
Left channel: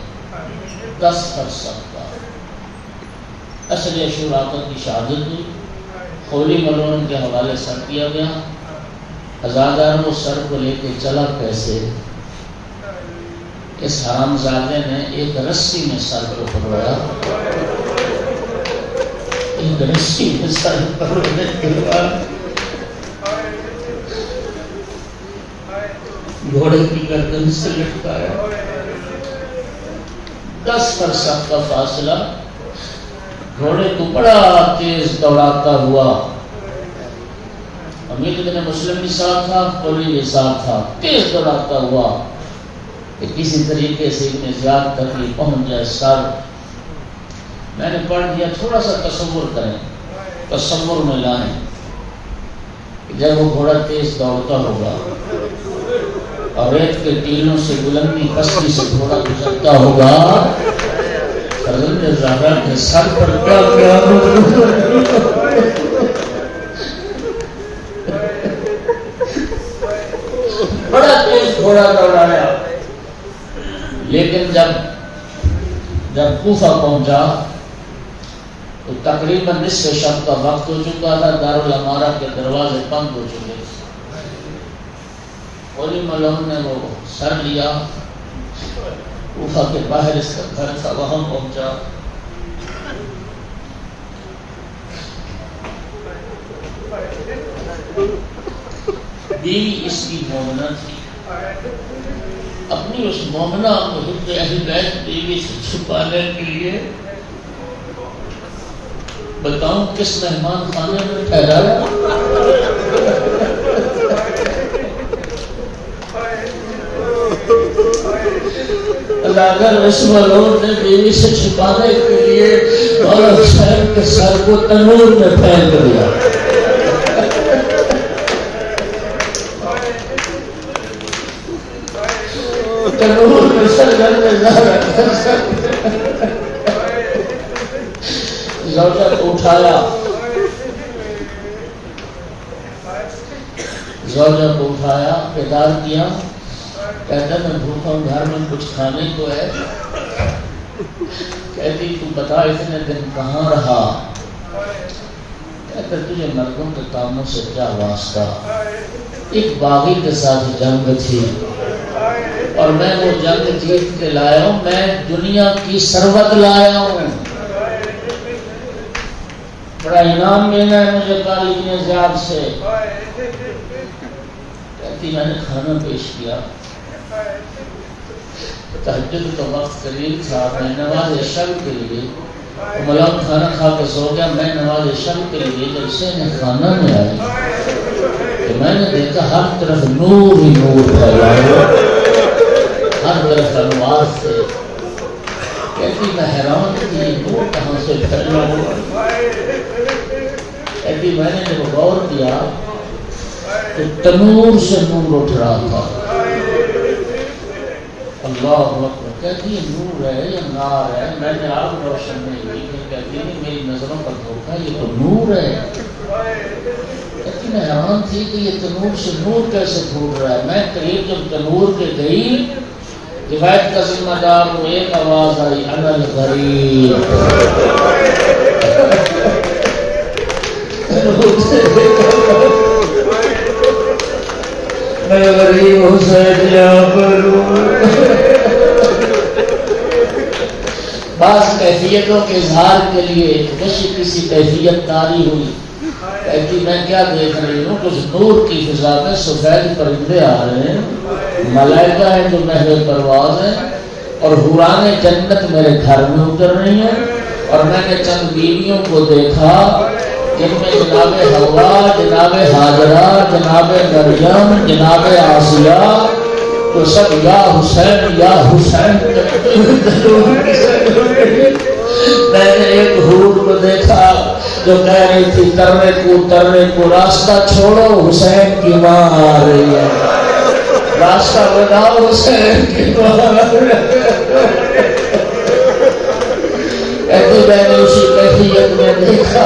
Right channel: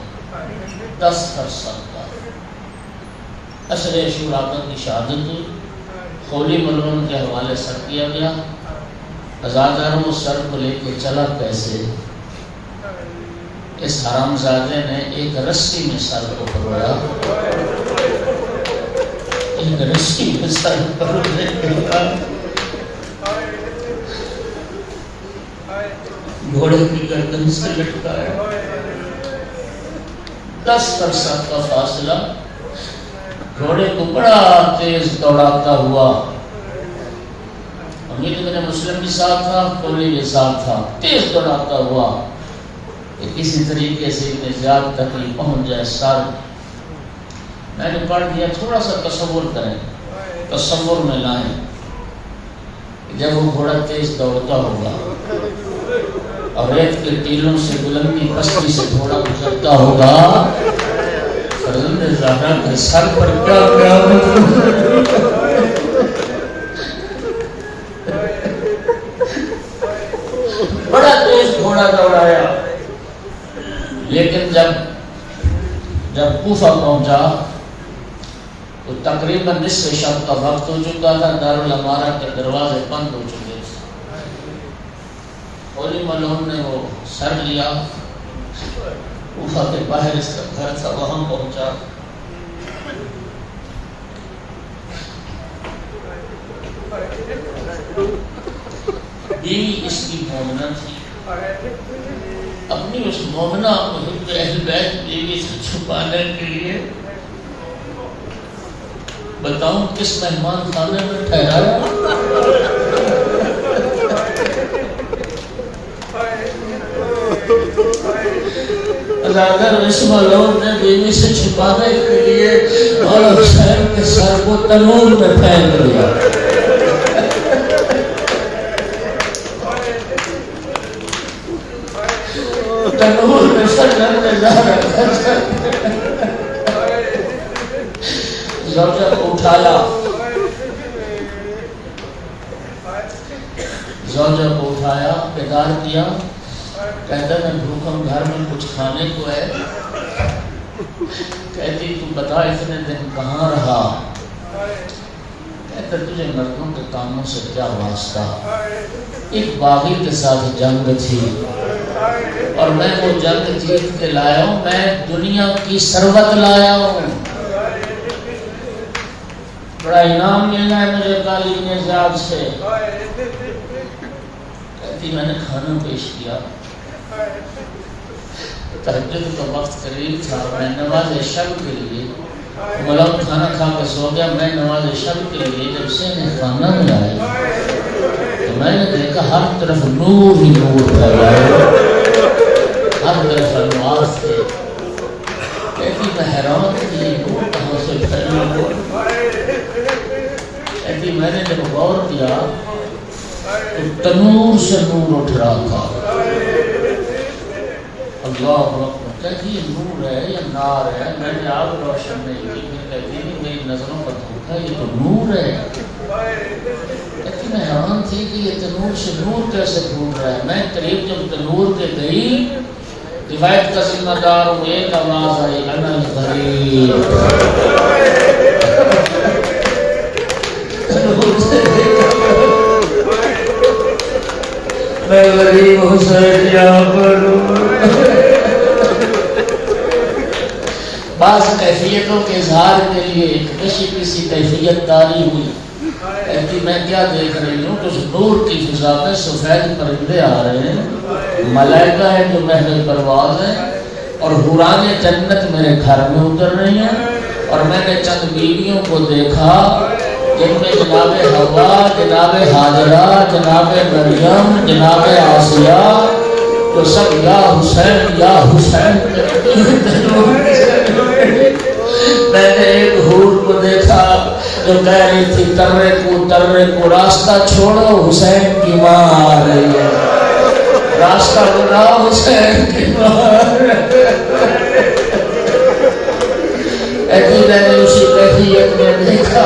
10 فرسخ کا. عصر عاشوراء کی شہادت ہوئی، خولی ملعون کے حوالے سر کیا گیا. ازادارو سر کو لے کے چلا کیسے؟ اس حرامزادے نے ایک رسی میں سر کو پکڑا، ایک رسی میں سر پکڑنے کے بعد گھوڑے کی گردن سے لٹکایا. 10 فرسخ کا فاصلہ. گھوڑے کو بڑا تیز دوڑاتا ہوا، امید میرے مسلم بھی ساتھ تھا، خولی بھی ساتھ تھا، تیز دوڑاتا ہوا کہ کسی طریقے سے ابن زیاد تک ہی پہنچ جائے. سر میں نے پڑھ دیا، تھوڑا سا تصور کریں، تصور میں لائیں. جب وہ گھوڑا تیز دوڑتا ہوگا اور ریت کے ٹیلوں سے بلندی پستی سے گھوڑا گزرتا ہوگا، فرزند زہرا کے سر پر کیا بڑا تیز گھوڑا دوڑایا. لیکن جب کوفہ پہنچا تو تقریباً نصف شب کا وقت ہو چکا تھا. دارالامارہ کے دروازے بند ہو چکے تھے. خولی ملعون نے وہ سر لیا، کوفہ کے باہر اس کا گھر تھا، وہاں پہنچا. بیوی اس کی مومنہ تھی. اپنی اس مومنہ حب اہل بیت بیوی سے چھپانے کے لیے بتاؤں کس مہمان خانے میں ٹھہرایا. اگر اس ملعون نے بیوی سے چھپانے کے لیے اور حسین کے سر کو تنور میں پھینک دیا. تنور میں سر زوجہ کو اٹھایا، بیدار کیا. کہتا میں بھوکا گھر میں کچھ کھانے کو ہے. کہتی تو بتا اتنے دن کہاں رہا؟ کہتا تجھے مردوں کے کاموں سے کیا واسطہ؟ ایک باغی کے ساتھ جنگ تھی اور میں وہ جنگ جیت کے لایا ہوں. میں دنیا کی ثروت لایا ہوں. بڑا انعام ملا ہے مجھے کل ابن زیاد سے. کہتی میں نے کھانا پیش کیا. تہجد کا وقت قریب تھا. میں نماز شب کے لیے ملعون کھانا کھا کے سو گیا. میں نماز شب کے لیے جب سے نے کھانا ملایا تو میں نے دیکھا ہر طرف نور ہی نور ہے، ہر طرف انوار تھے. کہتی میں حیران تھی یہ نور کہاں سے پھیلا ہوا. کہتی میں نے جب غور کیا تو تنور سے نور اٹھ رہا تھا. اللہ اکبر. کہتی ہے نور ہے یا نار ہے، میں نے آپ روشن نہیں ہوئی، پھر کہتی ہے میری نظروں پر دھوکا، یہ تو نور ہے۔ کہتی میں حیران تھی کہ یہ تنور سے نور کیسے پھوٹ رہا ہے۔ میں قریب جب تنور کے گئی، روایت کا ذمہ دار وہ ایک آواز آئی، انا الغریب۔ میں غریب حسین یہاں پر بعض کیفیتوں کے اظہار کے لیے کسی کیفیت تاری ہوئی، کہتی میں کیا دیکھ رہی ہوں، کچھ نور کی فضا میں سفید پرندے آ رہے ہیں، ملائکہ ہے جو محل پرواز ہے، اور حوران جنت میرے گھر میں اتر رہی ہیں، اور میں نے چند بیویوں کو دیکھا جن میں جناب حوا، جناب حاجرہ، جناب مریم، جناب آسیہ، تو سب یا حسین یا حسین۔ میں نے ایک حور کو دیکھا جو کہہ رہی تھی ترے کو راستہ چھوڑو، حسین کی ماں آ رہی ہے، راستہ بناؤ، حسین کی ماں آ رہی ہے۔ میں نے اسی کیفیت میں دیکھا